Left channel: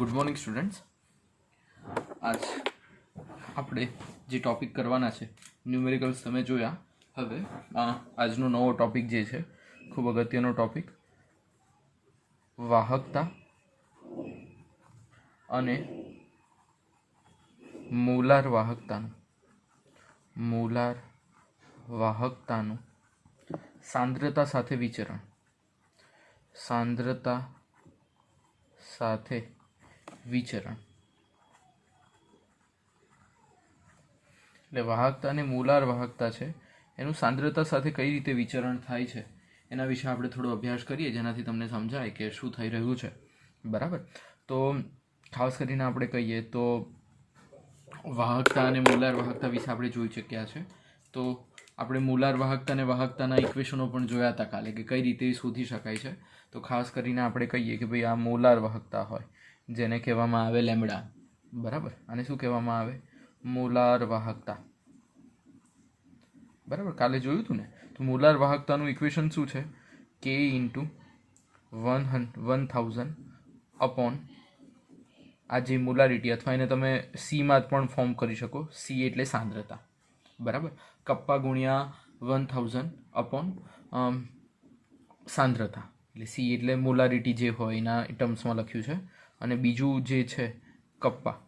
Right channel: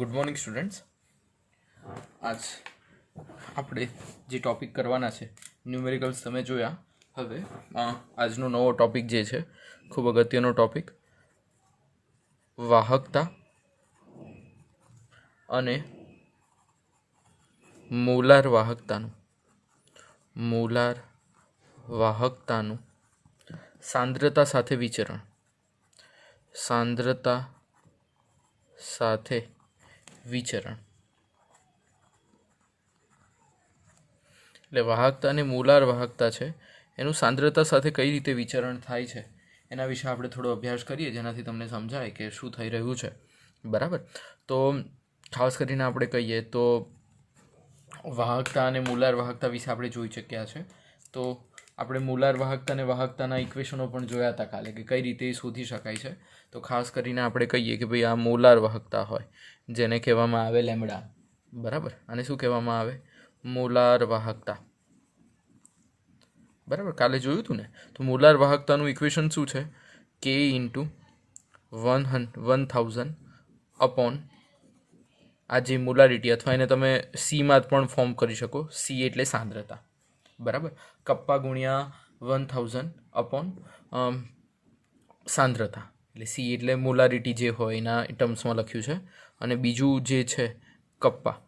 Good morning students. આજ આપણે જે ટૉપિક કરવાના છે ન્યુમેરિકલ્સ તમે જોયા. હવે આજનો નવો ટૉપિક જે છે ખૂબ અગત્યનો ટૉપિક, વાહકતા અને મોલાર વાહકતાનું સાંદ્રતા સાથે વિચરણ. એટલે વાહકતા અને મોલાર વાહકતા છે એનું સાંદ્રતા સાથે કઈ રીતે વિચરણ થાય છે એના વિશે આપણે થોડો અભ્યાસ કરીએ, જેનાથી તમને સમજાય કે શું થઈ રહ્યું છે. બરાબર. તો ખાસ કરીને આપણે કહીએ તો વાહકતા અને મોલાર વાહકતા વિશે આપણે જોઈ ચૂક્યા છે. તો આપણે મોલાર વાહકતા અને વાહકતાના ઇક્વેશનો પણ જોયા હતા કાલે, કે કઈ રીતે એ શોધી શકાય છે. તો ખાસ કરીને આપણે કહીએ કે ભાઈ આ મોલાર વાહકતા હોય, જેને કહેવામાં આવે લેમ્બડા. બરાબર. અને શું કહેવામાં આવે? મોલાર વાહકતા. બરાબર, કાલે જોયું હતું ને. તો મોલાર વાહકતાનું ઇક્વેશન શું છે? K ઇન્ટુ 1000 અપોન આ જે મોલારિટી, અથવા એને તમે સીમાં પણ ફોર્મ કરી શકો. સી એટલે સાંદ્રતા. બરાબર. કપ્પા ગુણ્યા 1000 અપોન સાંદ્રતા, એટલે સી એટલે મોલારિટી જે હોય એના ટર્મ્સમાં લખ્યું છે. અને બીજું જે છે કપ્પા,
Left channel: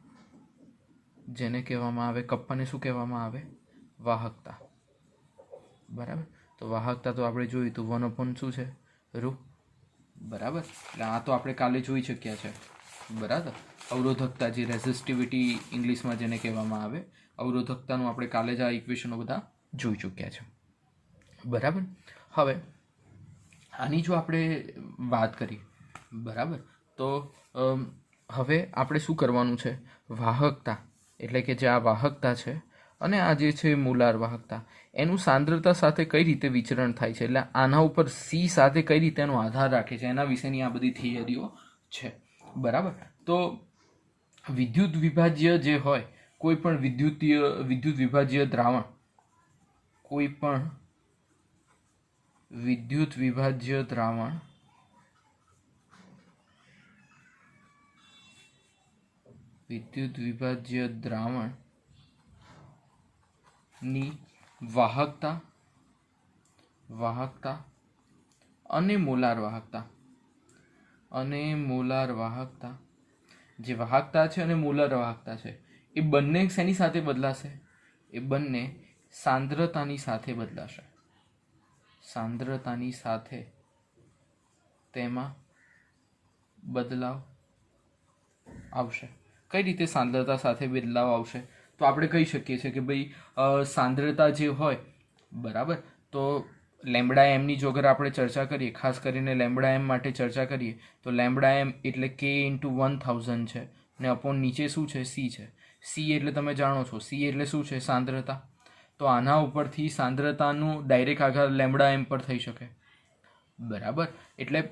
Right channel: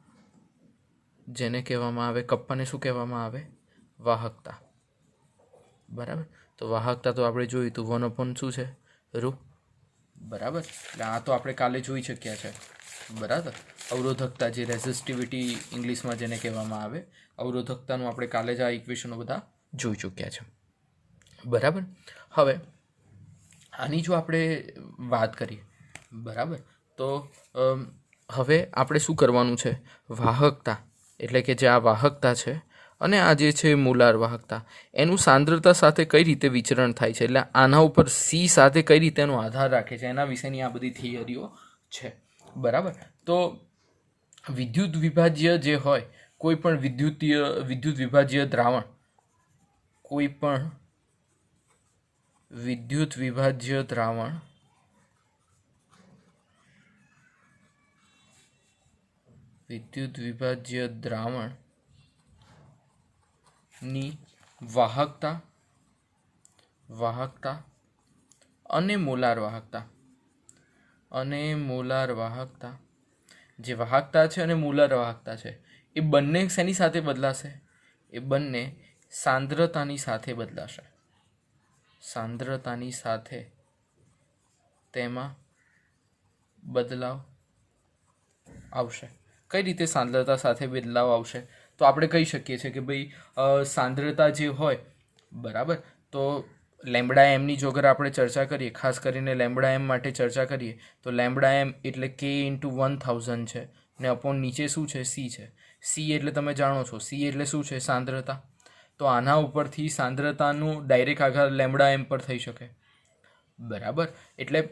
જેને કહેવામાં આવે, કપ્પાને શું કહેવામાં આવે? વાહકતા. બરાબર. તો વાહકતા તો આપણે જોયું તો 1 અપોન શું છે? રૂ. બરાબર. એટલે આ તો આપણે કાલે જોઈ શક્યા છે. બરાબર. અવરોધકતા, જે રેઝિસ્ટિવિટી ઇંગ્લિશમાં જેને કહેવામાં આવે, અવરોધકતાનું આપણે કાલે જ આ ઇક્વેશનો બધા જોઈ ચૂક્યા છે. બરાબર. હવે આની જો આપણે વાત કરી, બરાબર, તો હવે આપણે શું કરવાનું છે? વાહકતા એટલે કે જે આ વાહકતા છે અને આ જે છે મોલાર વાહકતા, એનું સાંદ્રતા સાથે કઈ રીતે વિચરણ થાય છે, એટલે આના ઉપર સી સાથે કઈ રીતે એનો આધાર રાખે છે, એના વિશેની આ બધી થિયરીઓ છે. બરાબર. તો વિદ્યુત વિભાજ્ય જે હોય, કોઈ પણ વિદ્યુત વિભાજ્ય દ્રાવણ, કોઈ પણ વિદ્યુત વિભાજ્ય દ્રાવણની વાહકતા અને મોલાર વાહકતા, જે વાહકતા છે અને મોલાર વાહકતા છે, એ બંને શેની સાથે બદલાશે? એ બંને સાંદ્રતાની સાથે બદલાશે. સાંદ્રતાની સાથે તેમાં બદલાવ આવશે. કઈ રીતે સાંદ્રતા સાથે બદલાવ આવશે? તો આપણે કહી શકીએ છીએ કે ભાઈ સાંદ્રતા જે હોય, બરાબર, તો લેમ્બડા એમની જો અગર આપણે ચર્ચા કરીએ, ખાસ કરીને લેમ્બડા એમ માટે ચર્ચા કરીએ, તો લેમ્બડા એમ એટલે K ઇન્ટુ 1000 છે, ને અપોન નીચે શું છે? સી છે. સી એટલે તમે જાણો છો, સી એટલે શું છે? સાંદ્રતા. તો આના ઉપરથી સાંદ્રતાનું ડાયરેક્ટ આધાર લેમ્બડા એમ પર થઈ શકે. બરાબર. એટલે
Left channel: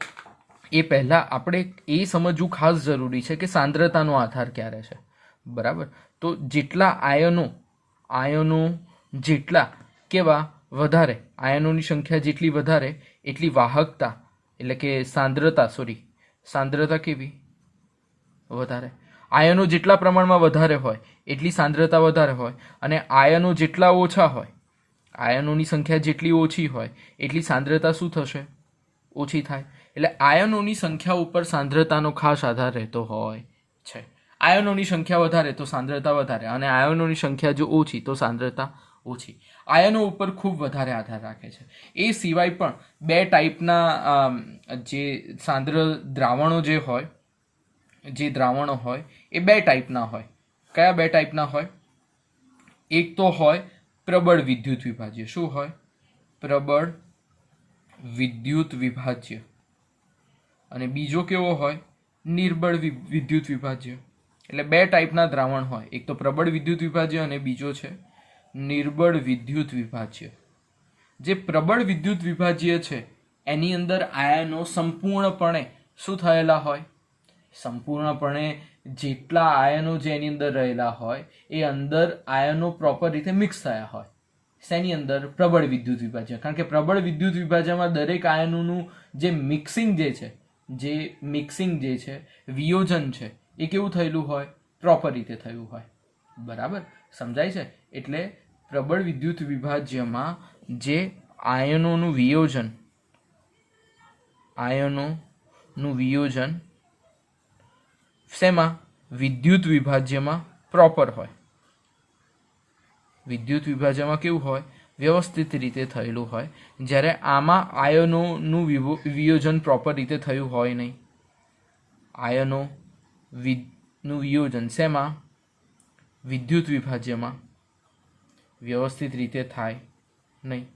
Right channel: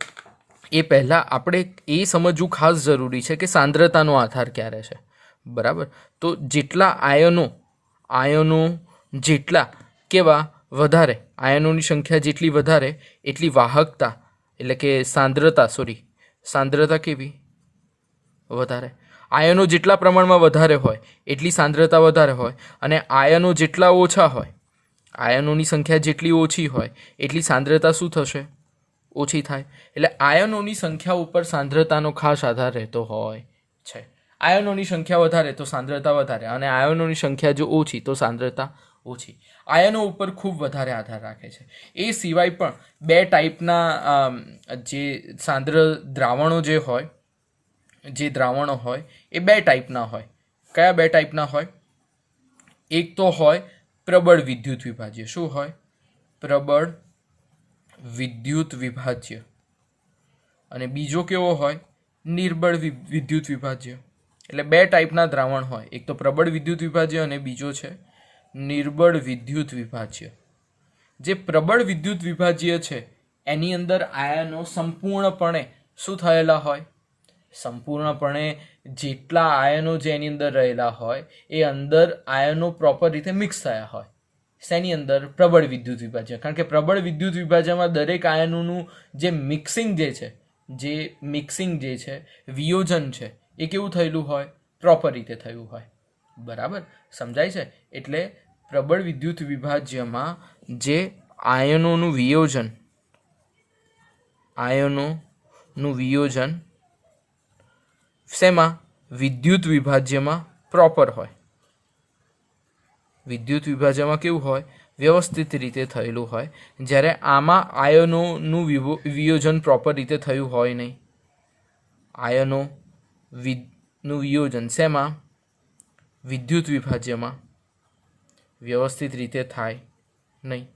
એ પહેલાં આપણે એ સમજવું ખાસ જરૂરી છે કે સાંદ્રતાનો આધાર ક્યારે છે. બરાબર. તો જેટલા આયનો જેટલા કેવા વધારે, આયનોની સંખ્યા જેટલી વધારે, એટલી વાહકતા એટલે કે સાંદ્રતા કેવી? વધારે. આયનો જેટલા પ્રમાણમાં વધારે હોય એટલી સાંદ્રતા વધારે હોય, અને આયનો જેટલા ઓછા હોય, આયનોની સંખ્યા જેટલી ઓછી હોય એટલી સાંદ્રતા શું થશે? ઓછી થાય. એટલે આયનોની સંખ્યા ઉપર સાંદ્રતાનો ખાસ આધાર રહેતો હોય છે. આયનોની સંખ્યા વધારે તો સાંદ્રતા વધારે, અને આયનોની સંખ્યા જો ઓછી તો સાંદ્રતા ઓછી. આયનો ઉપર ખૂબ વધારે આધાર રાખે છે. એ સિવાય પણ બે ટાઈપના જે દ્રાવણો હોય એ બે ટાઈપના હોય. કયા બે ટાઈપના હોય? એક તો હોય પ્રબળ વિદ્યુત વિભાજ્ય. શું હોય? પ્રબળ વિદ્યુત વિભાજ્ય. અને બીજો કેવો હોય? નિર્બળ વિદ્યુત વિભાજ્ય. એટલે બે ટાઈપના દ્રાવણ હોય, એક તો પ્રબળ વિદ્યુત વિભાજ્ય અને બીજો છે નિર્બળ વિદ્યુત વિભાજ્ય. જે પ્રબળ વિદ્યુત વિભાજ્ય છે એની અંદર આયનો સંપૂર્ણપણે શું થયેલા હોય? સંપૂર્ણપણે જેટલા આયનો જે એની અંદર રહેલા હોય એ અંદર આયનો પ્રોપર રીતે મિક્સ થયા હોય. શેની અંદર? પ્રબળ વિદ્યુત વિભાજ્ય. કારણ કે પ્રબળ વિદ્યુત વિભાજ્યમાં દરેક આયનોનું જે મિક્સિંગ જે છે, જે મિક્સિંગ જે છે, વિયોજન છે, એ કેવું થયેલું હોય? પ્રોપર રીતે થયું હોય. બરાબર, સમજાય છે? એટલે પ્રબળ વિદ્યુત વિભાજ્યમાં જે આયનોનું વિયોજન શેમાં? વિદ્યુત વિભાજ્યમાં પ્રોપર હોય. વિદ્યુત વિભાજ્યમાં કેવું હોય? વ્યવસ્થિત રીતે થયેલું હોય. જ્યારે આમાં આયનોનું વિયોજન પ્રોપર રીતે થયું હોય નહીં. નું વિયોજન શેમાં? વિદ્યુત વિભાજ્યમાં વ્યવસ્થિત રીતે થાય નહીં.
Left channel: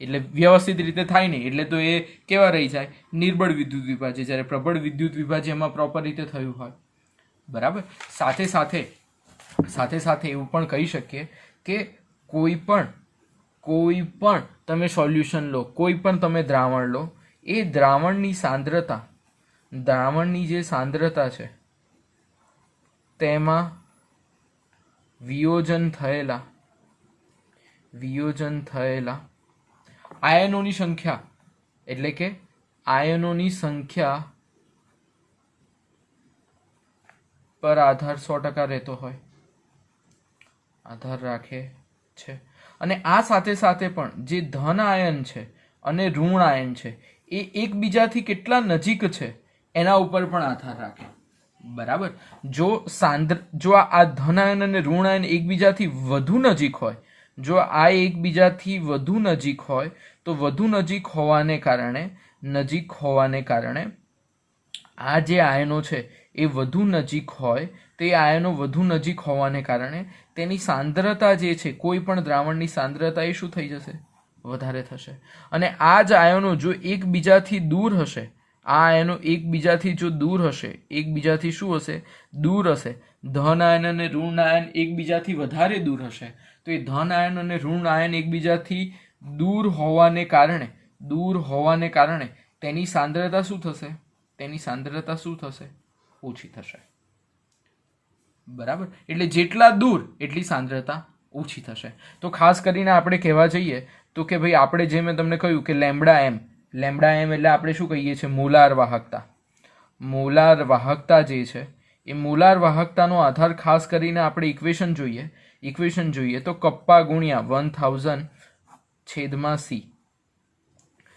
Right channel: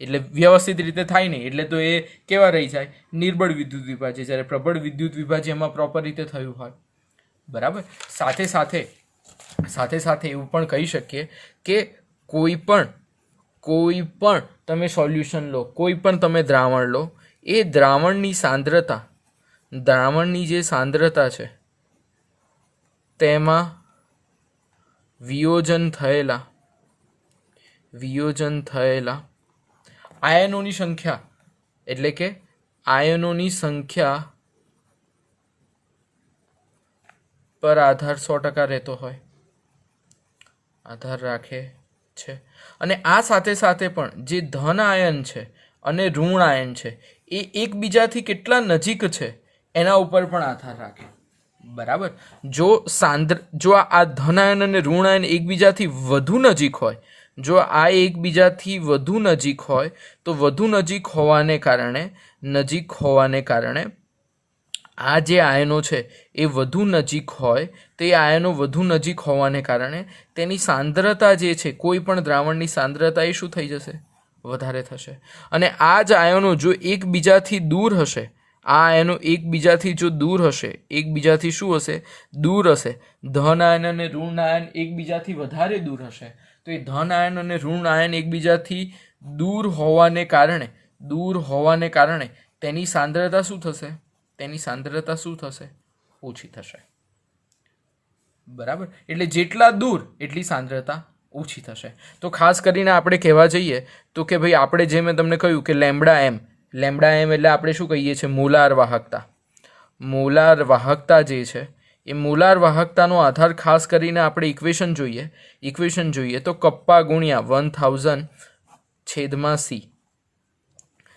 એટલે વ્યવસ્થિત રીતે થાય નહીં એટલે તો એ કેવા રહી જાય? નિર્બળ વિદ્યુત વિભાજ્ય. જ્યારે પ્રબળ વિદ્યુત વિભાજ્યમાં પ્રોપર રીતે થયું હોય. બરાબર. સાથે સાથે એવું પણ કહી શકીએ કે કોઈ પણ તમે સોલ્યુશન લો, કોઈ પણ તમે દ્રાવણ લો, એ દ્રાવણની જે સાંદ્રતા છે તેમાં વિયોજન થયેલા આયનોની સંખ્યા, એટલે કે આયનોની સંખ્યા પર આધાર 100% રહેતો હોય, આધાર રાખે છે. અને આ સાથે પણ જે ધન આયન છે અને ઋણ આયન છે એ એકબીજાથી કેટલા નજીક છે એના ઉપર પણ આધાર રાખે. બરાબર. જો આ ધન આયન અને ઋણ આયન એકબીજાથી વધુ નજીક હોય, તો વધુ નજીક હોવાને કારણે આ જે આયનો છે એ વધુ નજીક હોય, તે આયનો વધુ નજીક હોવાને કારણે તેની સાંદ્રતા જે છે, કોઈ પણ દ્રાવણની સાંદ્રતા એ શું થઈ જશે? વધારે થશે. અને આ જ આયનો જો એકબીજાથી દૂર હશે, એકબીજાથી શું હશે? દૂર હશે. ધન આયન અને ઋણ આયન એકબીજાથી વધારે દૂર હશે. તો એ ધન આયન અને ઋણ આયન એકબીજાથી દૂર હોવાને કારણે તેની સાંદ્રતા શું થશે? ઓછી થશે. બરાબર. એટલે જેટલા દૂર એટલી સાંદ્રતા ઓછી થશે. તો ખાસ કરીને આપણે કહેવા જઈએ તો કે ભાઈ આપણે જે મેં તમને કહ્યું કે લેમ્બડા એમ એટલે આપણે શું કહીએ છીએ? મોલાર વાહકતા જે છે એ મોલાર વાહકતાનો આધાર ખાસ કરીને આપણે ઇક્વેશન જોઈએ તો કપ્પા ગુણ્યા 1000/C.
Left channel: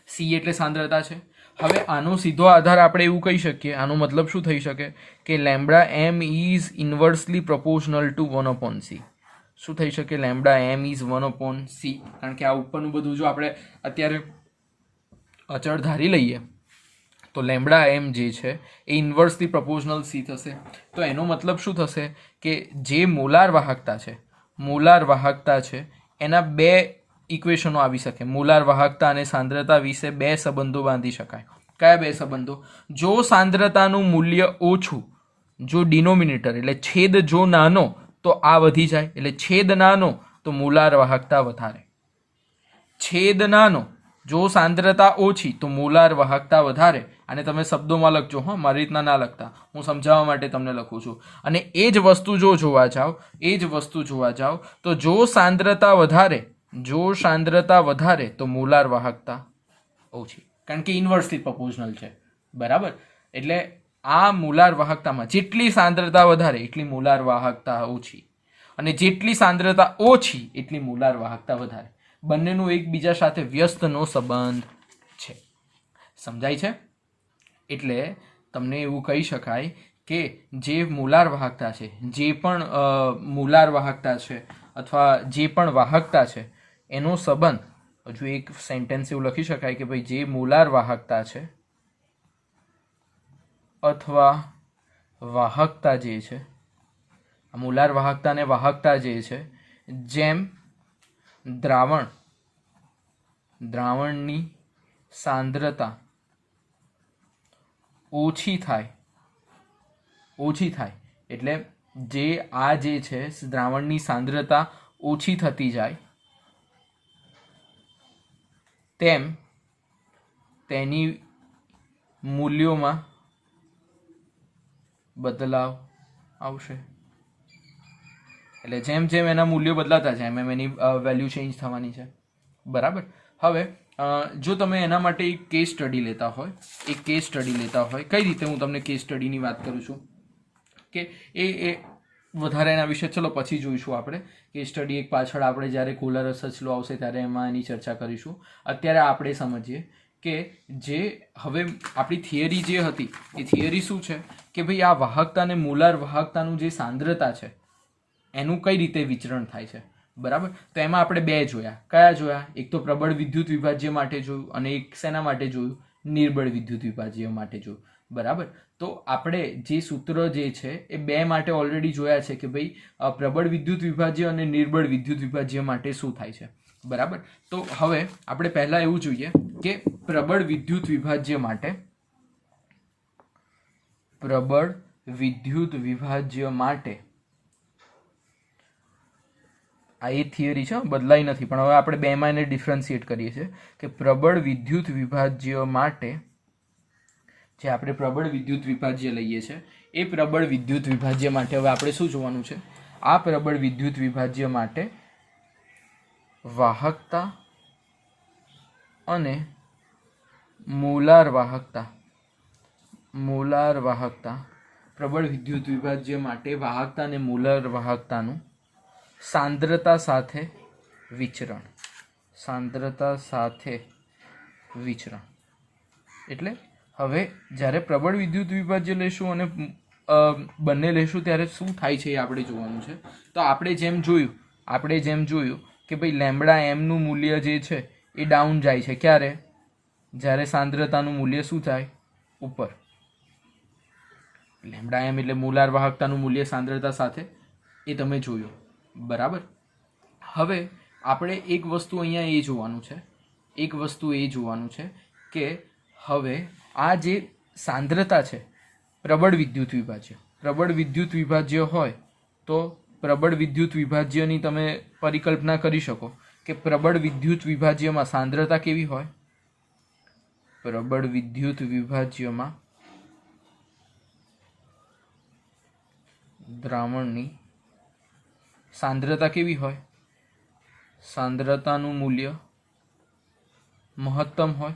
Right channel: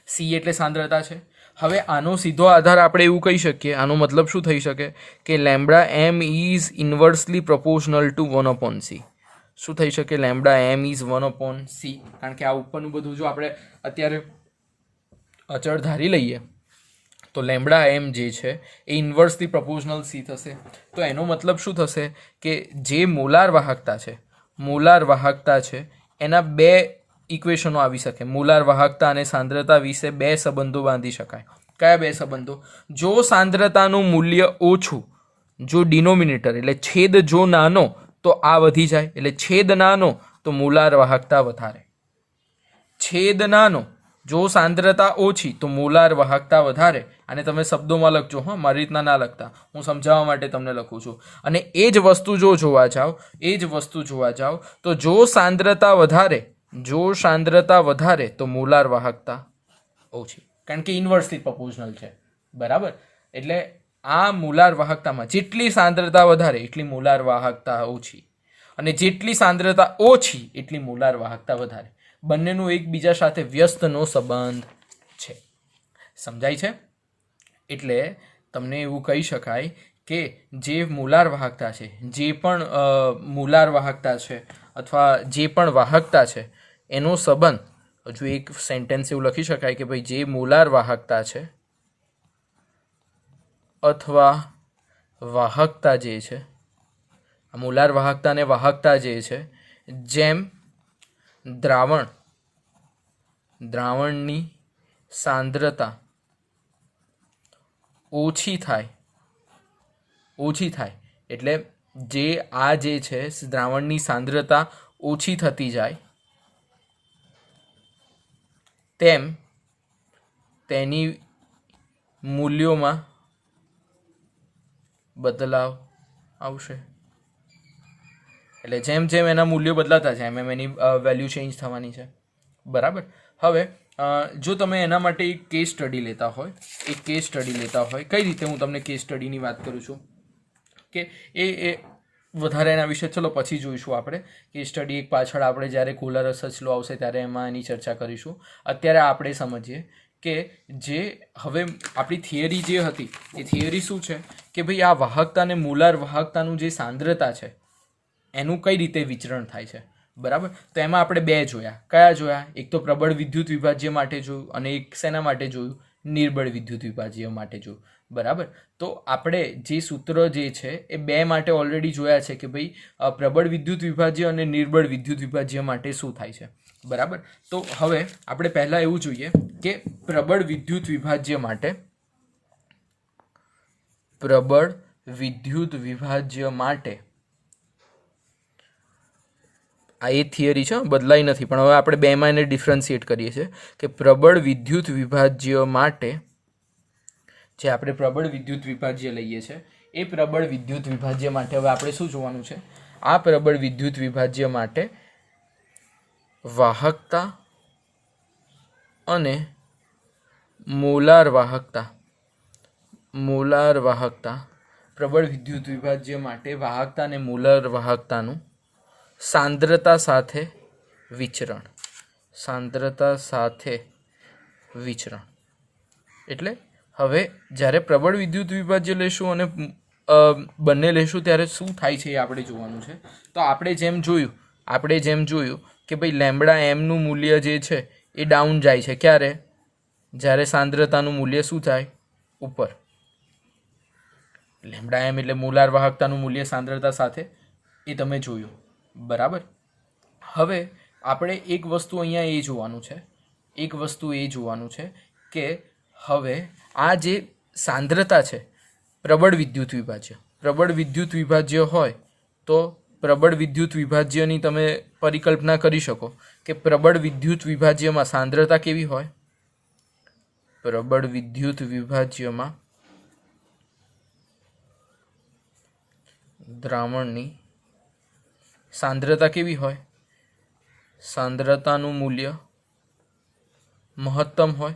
C એટલે સાંદ્રતા છે. હવે આનો સીધો આધાર આપણે એવું કહી શકીએ, આનો મતલબ શું થઈ શકે કે lambda M is inversely proportional to 1/C. શું થઈ શકે? Lambda M is 1/C. કારણ કે આ ઉપરનું બધું જો આપણે અત્યારે અચળ ધારી લઈએ તો લેમ્બડા એમ જે છે એ ઇન્વર્સલી પ્રોપોર્શનલ C થશે. તો એનો મતલબ શું થશે કે જે મોલાર વાહકતા છે એના બે ઇક્વેશનો આવી શકે. મોલાર વાહકતા અને સાંદ્રતા વિશે બે સંબંધો બાંધી શકાય. કયા બે સંબંધો? જો સાંદ્રતાનું મૂલ્ય ઓછું, જો ડિનોમિનેટર એટલે છેદ જો નાનો તો આ વધી જાય, એટલે છેદ નાનો તો મોલાર વાહકતા વધારે. છેદ નાનો, જો સાંદ્રતા ઓછી તો મોલાર વાહકતા વધારે. અને તમે શબ્દોમાં લખજો, હા, મારી રીતના ના લખતા, હું સમજાવવા માટે તમને લખું છું. અને એ જ વસ્તુ જો જોવા જાઓ તો જો સાંદ્રતા વધારે તો મોલાર વાહકતા ઓછી, કારણ કે ઇન્વર્સલી પ્રોપોર્શનલ છે. બરાબર. એટલે આ મોલાર વાહકતામાં જેટલી સાંદ્રતા વધારે એટલી મોલાર વાહકતા ઓછી, અને જેટલી સાંદ્રતા ઓછી એટલી મોલાર વાહકતા વધારે. બંનેનું એકબીજા સાથે વ્યસ્તનો સંબંધ છે. સમજાય છે? એટલે તમને એવું કહી શકાય કે જે મોલાર વાહકતા છે, અથવા જે પણ વાહકતા છે એનો સંબંધ, હજુ એક સેન્ટેન્સ એવું લખી શકાય કે ભાઈ જે મોલાર વાહકતા છે અથવા વાહકતા જે છે, મોલાર વાહકતા અને વાહકતા જે છે, જેમ દ્રાવણની સાંદ્રતા ઓછી થાય, એટલે જે આ જે છે દ્રાવણની સાંદ્રતા ઓછી થતી જાય તેમ તેની મૂલ્યોમાં બદલાવ આવશે. એટલે જેમ જેમ એના મૂલ્યો બદલાતા જાય એમ એની વેલ્યુ ચેન્જ થવાની છે. બરાબર. હવે જો તમે એના માટે એક કેસ સ્ટડી લેતા હોય, કઈ રીતે હું તમને કેસ સ્ટડીની વાત કરું છું કે એ વધારે એના વિશે ચલો પછી જોઈશું આપણે. કેસ સ્ટડી એક પાછળ આપણે જ્યારે કોલર સર્ચ લો આવશે ત્યારે એમાં એની ચર્ચા કરીશું. અત્યારે આપણે સમજીએ કે જે હવે આપણી થિયરી જે હતી એ થિયરી શું છે કે ભાઈ આ વાહકતા અને મોલાર વાહકતાનું જે સાંદ્રતા છે એનું કઈ રીતે વિચરણ થાય છે, બરાબર. તો એમાં આપણે બે જોયા. કયા જોયા? એક તો પ્રબળ વિદ્યુત વિભાજ્ય માટે જોયું અને એક શેના માટે જોયું? નિર્બળ વિદ્યુત વિભાજ્ય માટે જોયું, બરાબર. તો આપણે જે સૂત્ર જે છે એ બે માટે ઓલરેડી જોયા છે કે ભાઈ પ્રબળ વિદ્યુત વિભાજ્ય અને નિર્બળ વિદ્યુત વિભાજ્ય માટે શું થાય છે, બરાબર. તો હવે આપણે પહેલાં એવું જોઈએ કે પ્રબળ વિદ્યુત વિભાજ્ય માટે આ એ થિયરી છે, બદલાઈ નથી, પણ હવે આપણે બેમાં એને ડિફરન્શિએટ કરીએ છીએ કે પ્રબળ વિદ્યુત વિભાજ્ય માટે જે આપણે પ્રબળ વિદ્યુત વિભાજ્ય લઈએ છીએ એ પ્રબળ વિદ્યુત વિભાજ્ય માટે હવે આપણે શું જોવાનું છે? આ પ્રબળ વિદ્યુત વિભાજ્ય માટે વાહકતા અને મોલાર વાહકતા પ્રબળ વિદ્યુત વિભાજ્ય માટે વાહકતા અને મોલાર વાહકતાનું સાંદ્રતા સાથે વિચરણ. એટલે હવે જ્યારે પ્રબળ વિદ્યુત વિભાજ્ય લેશું અને બંને લેશું ત્યારે શું થાય છે એ આપણે જોવાનું છે. તો આપણે જેમ જોયું કે ભાઈ લેમ્બડા એમનું મૂલ્ય જે છે એ ડાઉન જાય છે. ક્યારે? જ્યારે સાંદ્રતાનું મૂલ્ય શું થાય? ઉપર. લેમ્બડા એમ એટલે મોલાર વાહકતાનું મૂલ્ય સાંદ્રતા સાથે, એ તમે જોયું, બરાબર. હવે આપણે એક વસ્તુ અહીંયા એ જોવાનું છે કે હવે આ જે સાંદ્રતા છે પ્રબળ વિદ્યુત વિભાજ્ય હોય તો પ્રબળ વિદ્યુત વિભાજ્યની તમે પરિકલ્પના કરી શકો કે પ્રબળ વિદ્યુત વિભાજ્યમાં સાંદ્રતા કેવી હોય? પ્રબળ વિદ્યુત વિભાજ્યમાં દ્રાવણની સાંદ્રતા કેવી હોય? સાંદ્રતાનું મૂલ્ય મહત્તમ હોય.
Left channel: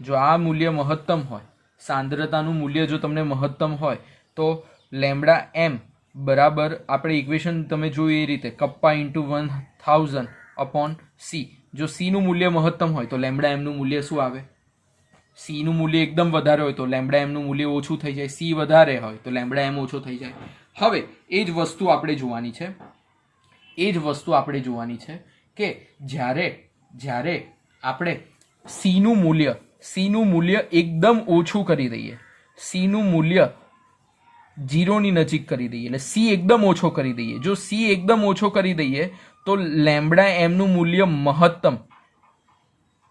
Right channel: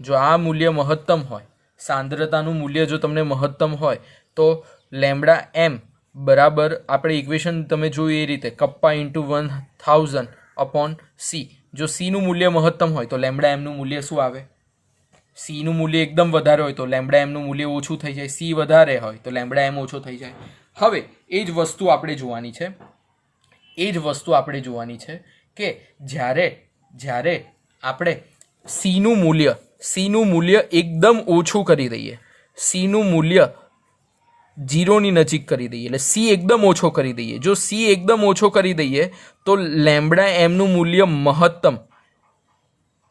જો આ મૂલ્ય મહત્તમ હોય, સાંદ્રતાનું મૂલ્ય જો તમને મહત્તમ હોય તો લેમ્બડા એમ બરાબર આપણે ઇક્વેશન તમે જોયું એ રીતે કપ્પા ઇન્ટુ 1000 અપોન સી. જો સીનું મૂલ્ય મહત્તમ હોય તો લેમ્બડા એમનું મૂલ્ય શું આવે? સીનું મૂલ્ય એકદમ વધારે હોય તો લેમ્બડા એમનું મૂલ્ય ઓછું થઈ જાય. સી વધારે હોય તો લેમ્બડા એમ ઓછો થઈ જાય. હવે એ જ વસ્તુ આપણે જોવાની છે કે જ્યારે આપણે સીનું મૂલ્ય એકદમ ઓછું કરી દઈએ, સીનું મૂલ્ય 0 ની નજીક કરી દઈએ, એટલે સી એકદમ ઓછો કરી દઈએ. જો સી એકદમ ઓછો કરી દઈએ તો લેમ્બડા એમનું મૂલ્ય મહત્તમ,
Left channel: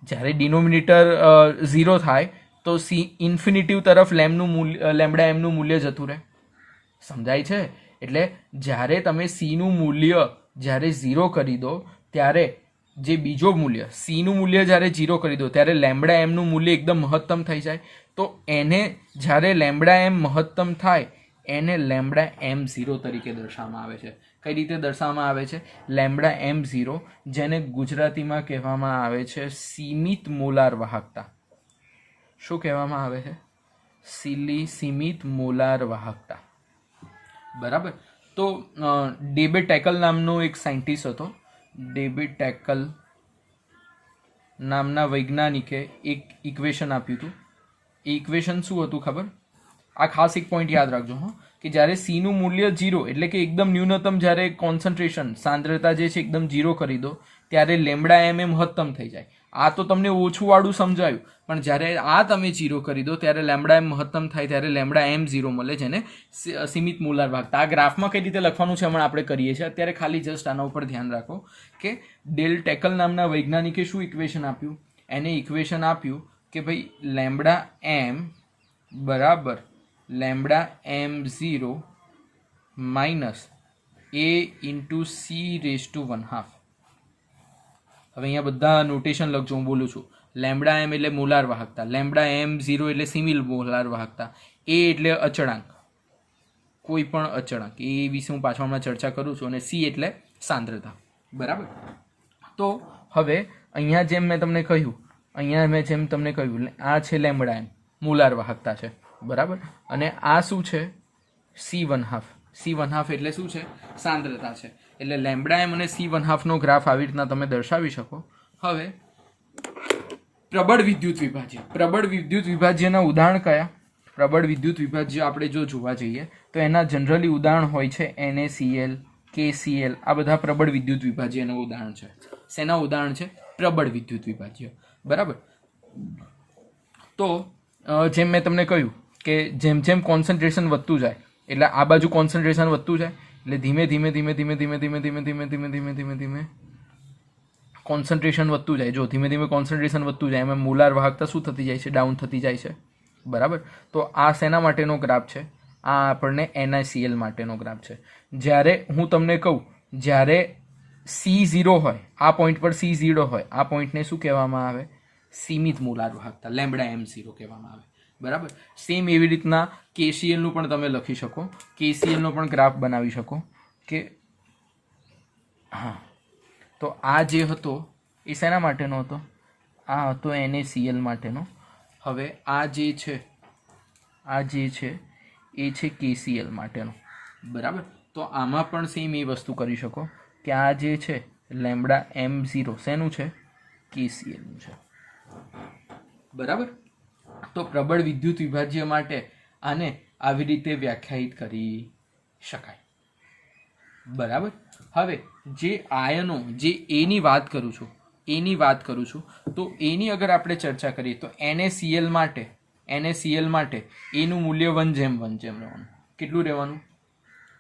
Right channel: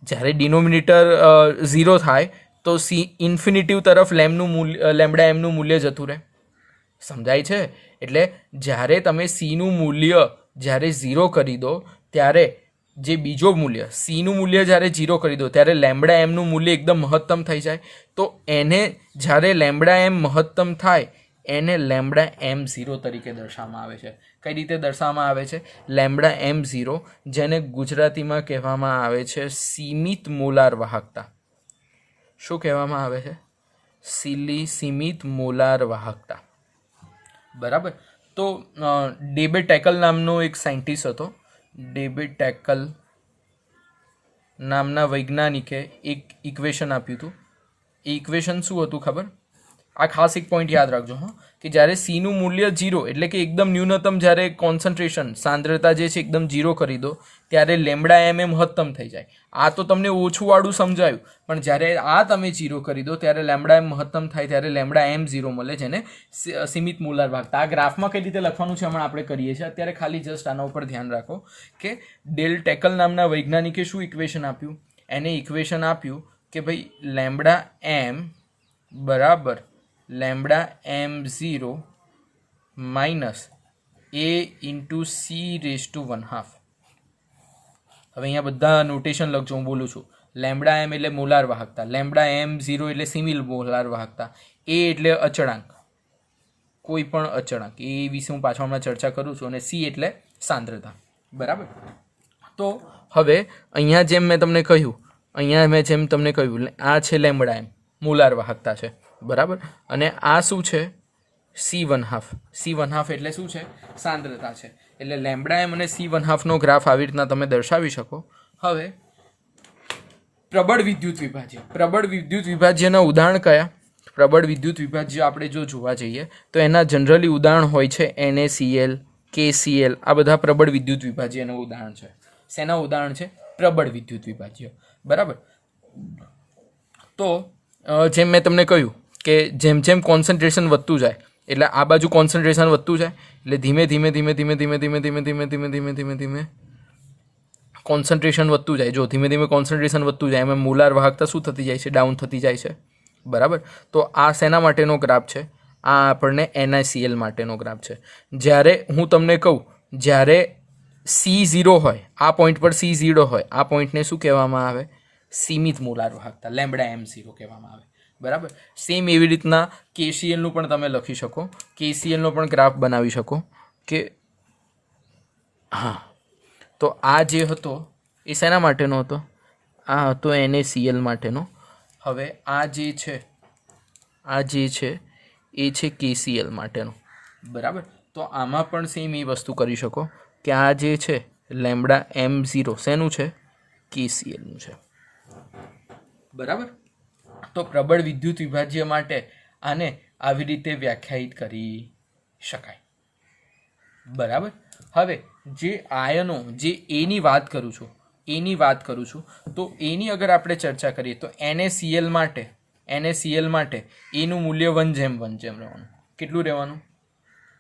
જ્યારે ડિનોમિનેટર 0 થાય તો સી ઇન્ફિનિટિવ તરફ લેમ્બડા એમનું મૂલ્ય જતું રહે. સમજાય છે? એટલે જ્યારે તમે સીનું મૂલ્ય જ્યારે 0 કરી દો ત્યારે જે બીજો મૂલ્ય સીનું મૂલ્ય જ્યારે 0 કરી દો ત્યારે લેમ્બડા એમનું મૂલ્ય એકદમ મહત્તમ થઈ જાય. તો એને જ્યારે લેમ્બડા એમ મહત્તમ થાય એને લેમ્બડા એમ 0 તરીકે દર્શાવવામાં આવે છે. કઈ રીતે દર્શાવવામાં આવે છે? લેમ્બડા એમ 0, જેને ગુજરાતીમાં કહેવામાં આવે છે સીમિત મોલાર વાહકતા. શું કહેવામાં આવે છે? સીમિત મોલાર વાહકતા, બરાબર. તો ડેબે ટેકલ નામનો એક સાયન્ટિસ્ટ હતો. ડેબે ટેકલ નામના વૈજ્ઞાનિકે એક ઇક્વેશન આપ્યું હતું. એ ઇક્વેશન શું હતું ખબર? આ ખાસ એક પોઈન્ટ યાદ રાખજો હા, કે જ્યારે સીનું મૂલ્ય 0 એટલે કે એકદમ ન્યૂનતમ જ્યારે કોન્સન્ટ્રેશન સાંદ્રતા જે છે એકદમ 0 કરી દો ત્યારે લેમ્બડા એમ એ મહત્તમ થઈ જાય. આ તો તમને ઓછું વાળું સમજાયું, પણ જ્યારે આ તમે 0 કરી દો ત્યારે લેમ્બડા એમ મહત્તમ થાય ત્યારે લેમ્બડા એમ 0 મળે, જેને સીમિત મોલાર વાહકતા. આ ગ્રાફમાં કઈ રીતે લખવાનું છે હમણાં આપણે કરીએ છીએ. અત્યારે ખાલી જસ્ટ આના ઉપર ધ્યાન રાખો કે ડેલ ટેકલ નામના વૈજ્ઞાનિકે શું ઇક્વેશન આપ્યું? એને ઇક્વેશન આપ્યું કે ભાઈ લેમ્બડા એમ બરાબર લેમ્બડા એમ 0 માઇનસ એ ઇન્ટુ સી રેઝ ટુ 1/2. હવે અહીંયા બધા નોટેશન લખજો, હું બોલું છું. લેમ્બડા એમ એટલે મોલાર વાહકતા, લેમ્બડા એમ 0 એટલે સિમિલ મોલાર વાહકતા, એ એટલે અચળાંક, કોઈ પણ અચળાંક, એ વિશે હું પાછળ હમણાં ચર્ચા કરું છું, અને સી એટલે સાંદ્રતા, બરાબર. તો હવે અહીંયા જેમ મેં તમને કહ્યું અહીંયા મેં જેમ તમને કહ્યું આ છે લેમ્બડા એમ, મોલાર વાહકતા છે, બરાબર. અને આ શું છે? C1/2. C1/2 એટલે શું છે? સાંદ્રતા છે. એટલે લેમ્બડા એમ અને C1/2નો ગ્રાફ આવી રીતના તમે દર્શાવી શકો. હવે પ્રબળ વિદ્યુત વિભાજ્ય. પ્રબળ વિદ્યુત વિભાજ્યના ઉદાહરણ કયા? પ્રબળ વિદ્યુત વિભાજ્ય આપણે જો જોવા જઈએ તો એના જનરલી ઉદાહરણ હોય છે NaCl, KCl. આ બધા પ્રબળ વિદ્યુત વિભાજ્યનું ઉદાહરણ છે. શેના ઉદાહરણ છે? પ્રબળ વિદ્યુત વિભાજ્ય, બરાબર. તો જેમ મેં તમને કહ્યું કે જેમ જેમ કોન્સન્ટ્રેશન વધતું જાય એટલે આ બાજુ કોન્સન્ટ્રેશન વધતું જાય એટલે ધીમે ધીમે ધીમે ધીમે ધીમે ધીમે ધીમે ધીમે ધીમે ધીમે ધીમે ધીમે કોન્સન્ટ્રેશન વધતું જાય. જો ધીમે ધીમે કોન્સન્ટ્રેશન વધતું જાય એમાં મોલાર વાહકતા શું થતી જાય છે? ડાઉન થતી જાય છે, બરાબર. તો આ શેના માટેનો ગ્રાફ છે? આ આપણને NaCl માટેનો ગ્રાફ છે. જ્યારે હું તમને કહું જ્યારે C0 હોય, આ પોઈન્ટ પર C0 હોય, આ પોઈન્ટને શું કહેવામાં આવે? સીમિત મોલાર વાહકતા, લેમ્બડા M0 કહેવામાં આવે, બરાબર. સેમ એવી રીતના KClનું પણ તમે લખી શકો, KClનો પણ ગ્રાફ બનાવી શકો કે હા. તો આ જે હતો એ શેના માટેનો હતો? આ હતો NaCl માટેનો. હવે આ જે છે એ છે KCl માટેનો, બરાબર. તો આમાં પણ સેમ એ વસ્તુ કરી શકો કે આ જે છે લેમ્બડા M0 શેનું છે? KClનું છે, બરાબર. તો પ્રબળ વિદ્યુત વિભાજ્ય માટે આને આવી રીતે વ્યાખ્યાયિત કરી શકાય, બરાબર. હવે જે આયનો, જે એની વાત કરું છું તો એની અગર આપણે ચર્ચા કરીએ તો NaCl માટે એનું મૂલ્ય 1:1 રહેવાનું. કેટલું રહેવાનું?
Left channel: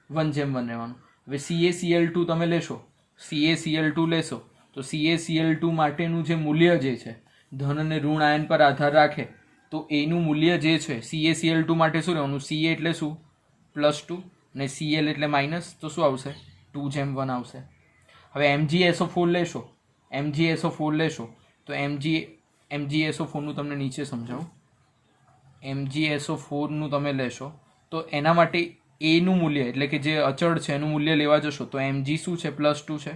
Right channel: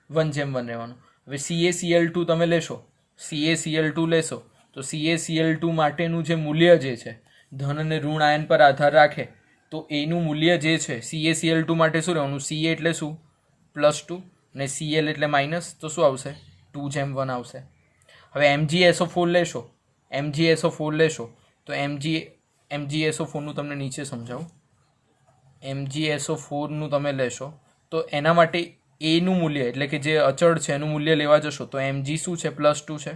1:1 રહેવાનું. હવે CaCl2 તમે લેશો, CaCl2 લેશો તો CaCl2 માટેનું જે મૂલ્ય જે છે ધન અને ઋણ આયન પર આધાર રાખે તો એનું મૂલ્ય જે છે CaCl2 માટે શું રહેવાનું? Ca એટલે શું? +2 ને Cl એટલે માઇનસ, તો શું આવશે? 2:1 આવશે. હવે MgSO4 લેશો તો MgSO4નું તમને નીચે સમજાવું. MgSO4નું તમે લેશો તો એના માટે એનું મૂલ્ય એટલે કે જે અચળ છે એનું મૂલ્ય લેવા જશો તો Mg શું છે? +2 છે.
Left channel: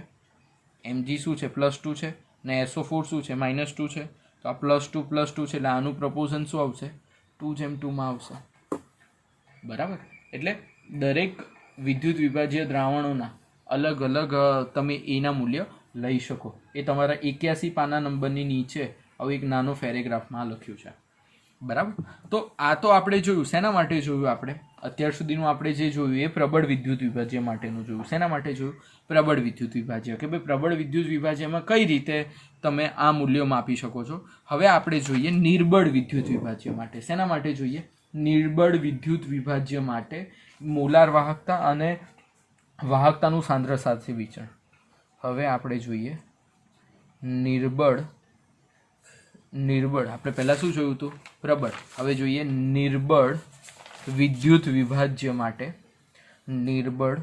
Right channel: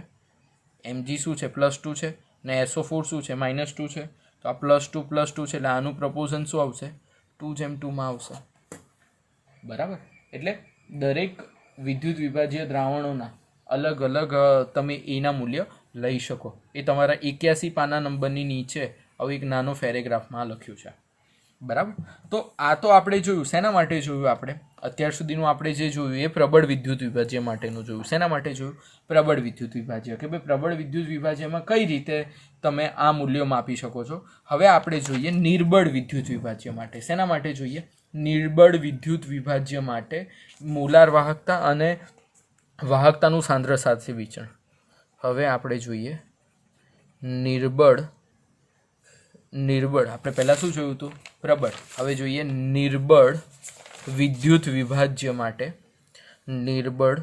Mg શું છે? +2 છે ને SO4 શું છે? -2 છે. તો આ +2 છે એટલે આનું પ્રપોઝન શું આવશે? 2:2 આવશે, બરાબર. એટલે દરેક વિદ્યુત વિભાજ્ય દ્રાવણોના અલગ અલગ તમે એના મૂલ્ય લઈ શકો. એ તમારા 81 પાના નંબરની નીચે આવું એક નાનો પેરેગ્રાફમાં લખ્યું છે, બરાબર. તો આ તો આપણે જોયું. શેના માટે જોયું આપણે? અત્યાર સુધીનું આપણે જે જોયું એ પ્રબળ વિદ્યુત વિભાજ્ય માટેનું જોયું. શેના માટે જોયું? પ્રબળ વિદ્યુત વિભાજ્ય, કે ભાઈ પ્રબળ વિદ્યુત વિભાજ્યમાં કઈ રીતે તમે આ મૂલ્યો માપી શકો છો. હવે આપણે જોઈએ નિર્બળ વિદ્યુત વિભાજ્ય માટે. શેના માટે જોઈએ? નિર્બળ વિદ્યુત વિભાજ્ય માટે મોલાર વાહકતા અને વાહકતાનું સાંદ્ર સાથે વિચરણ. હવે આપણે જોઈએ નિર્બળ. આપણે પહેલાં શું જોયું હતું? પ્રબળ. હવે જોઈએ નિર્બળ વિદ્યુત વિભાજ્ય માટે. નિર્બળ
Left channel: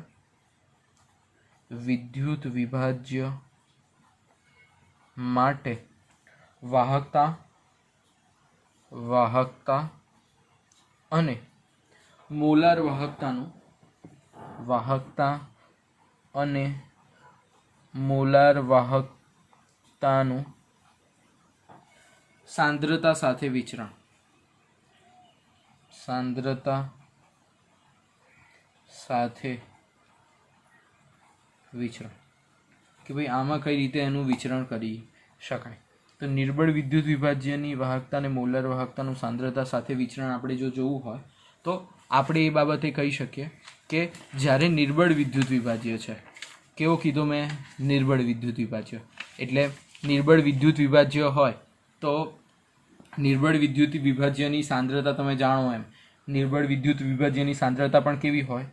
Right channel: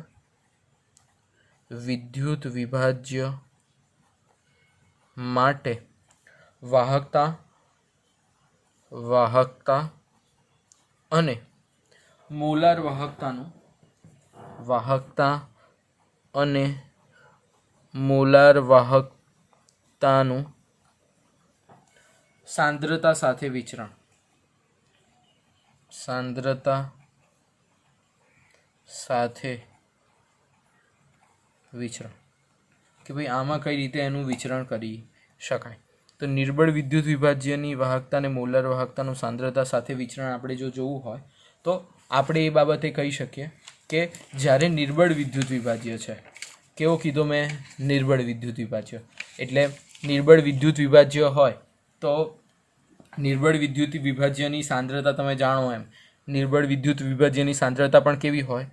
વિદ્યુત વિભાજ્ય માટે વાહકતા અને મોલાર વાહકતાનું સાંદ્રતા સાથે વિચરણ. કે ભાઈ આમાં કઈ રીતે એનું વિચરણ કરી શકાય. તો નિર્બળ વિદ્યુત વિભાજ્યની વાહકતા અને મોલાર વાહકતાનું સાંદ્રતા સાથે વિચરણ આપણે જો જોવું હોય તો આપણે એ બાબતે કહી શકીએ કે જ્યારે નિર્બળ વિદ્યુત વિભાજ્ય છે, કેવો કીધો મેં? નિર્બળ વિદ્યુત વિભાજ્ય. એટલે નિર્બળ વિદ્યુત વિભાજ્ય હોય તો નિર્બળ વિદ્યુત વિભાજ્યની સાંદ્રતા તમે જાણો એમ નિર્બળ વિદ્યુત વિભાજ્યની સાંદ્રતા પણ કેવી હોય?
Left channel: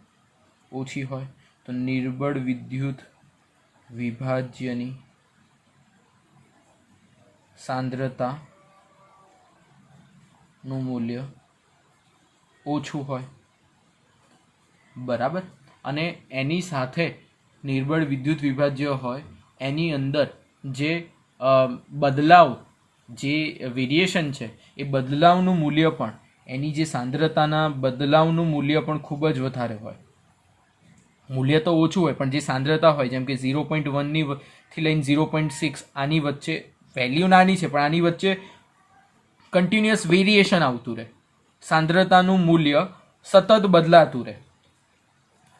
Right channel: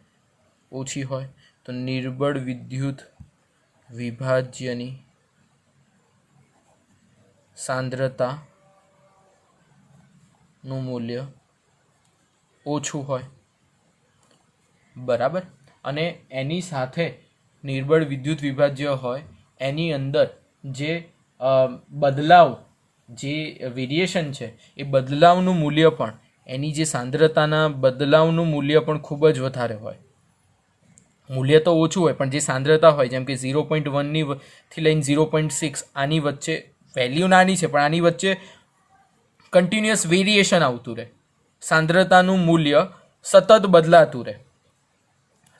ઓછી હોય. તો નિર્બળ વિદ્યુત વિભાજ્યની સાંદ્રતાનું મૂલ્ય ઓછું હોય, બરાબર. અને એની સાથે નિર્બળ વિદ્યુત વિભાજ્ય હોય એની અંદર જે બદલાવ, જે વેરિએશન છે એ બદલાવનું મૂલ્ય પણ, એની જે સાંદ્રતાના બદલાવનું મૂલ્ય પણ ખૂબ જ વધારે હોય. મૂલ્ય તો ઓછું હોય પણ જે સાંદ્રતા હોય જેમ કે 0.1 થી લઈને 0.6 આની વચ્ચે વેલ્યુ નાની છે પણ આની વચ્ચે કન્ટિન્યુઅસ વેરિએશન આવતું રહે, સાંદ્રતાનું મૂલ્ય સતત બદલાતું રહે.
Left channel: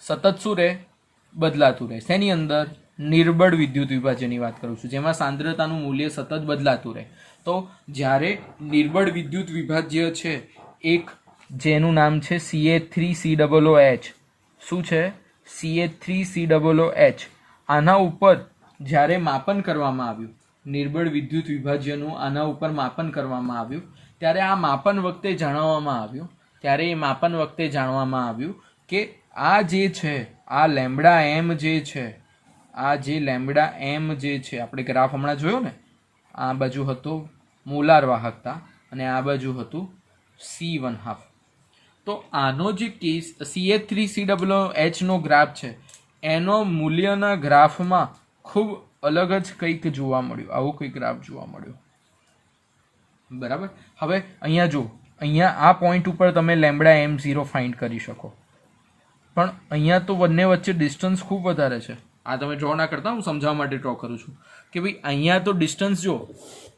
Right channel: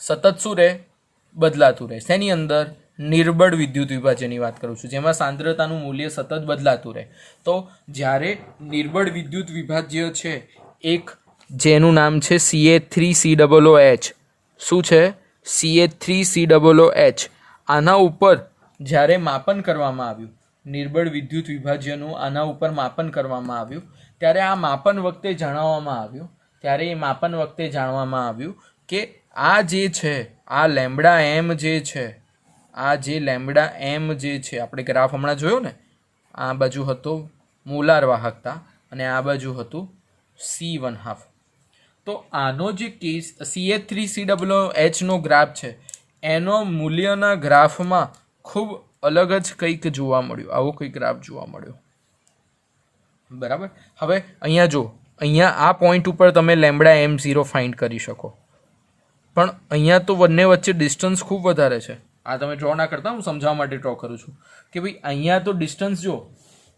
સતત શું રહે? બદલાતું રહે. શેની અંદર? નિર્બળ વિદ્યુત વિભાજ્યની વાત કરું છું, જેમાં સાંદ્રતાનું મૂલ્ય સતત બદલાતું રહે. તો જ્યારે નિર્બળ વિદ્યુત વિભાજ્ય છે, એક જેનું નામ છે CH3COOH, શું છે? CH3COOH, આના ઉપર જ્યારે માપન કરવામાં આવ્યું, નિર્બળ વિદ્યુત વિભાજ્યનું આના ઉપર માપન કરવામાં આવ્યું, ત્યારે આ માપન વખતે જાણવામાં આવ્યું કે આ જે છે, આ લેમ્બડા એમ જે છે, આપણે ગ્રાફ હમણાં જોયો ને, આ બાજુ હતો મોલાર વાહકતા અને આ બાજુ હતું C1/2. તો આનો જે કેસ CH3COOH નો ગ્રાફ છે, એનો મૂલ્યના ગ્રાફમાં ખૂબ અલગ જ કંઈક જોવા મળ્યું. આવો કોઈ ગ્રાફ જોવા મળ્યો. બરાબર. હવે અહીંયા જો, અહીંયા આ પોઈન્ટ ઉપર તમે લેમ્બડા M0 ફાઇન્ડ કરી શકો, પણ અહીંયા તો બંને વચ્ચે ડિસ્ટન્સ ખૂબ વધારે છે. આ તમે ડ્રો ના કરતા, હું સમજાવવા માટે ડ્રો કરું છું કે ભાઈ અહીંયા તો ડિસ્ટન્સ જો,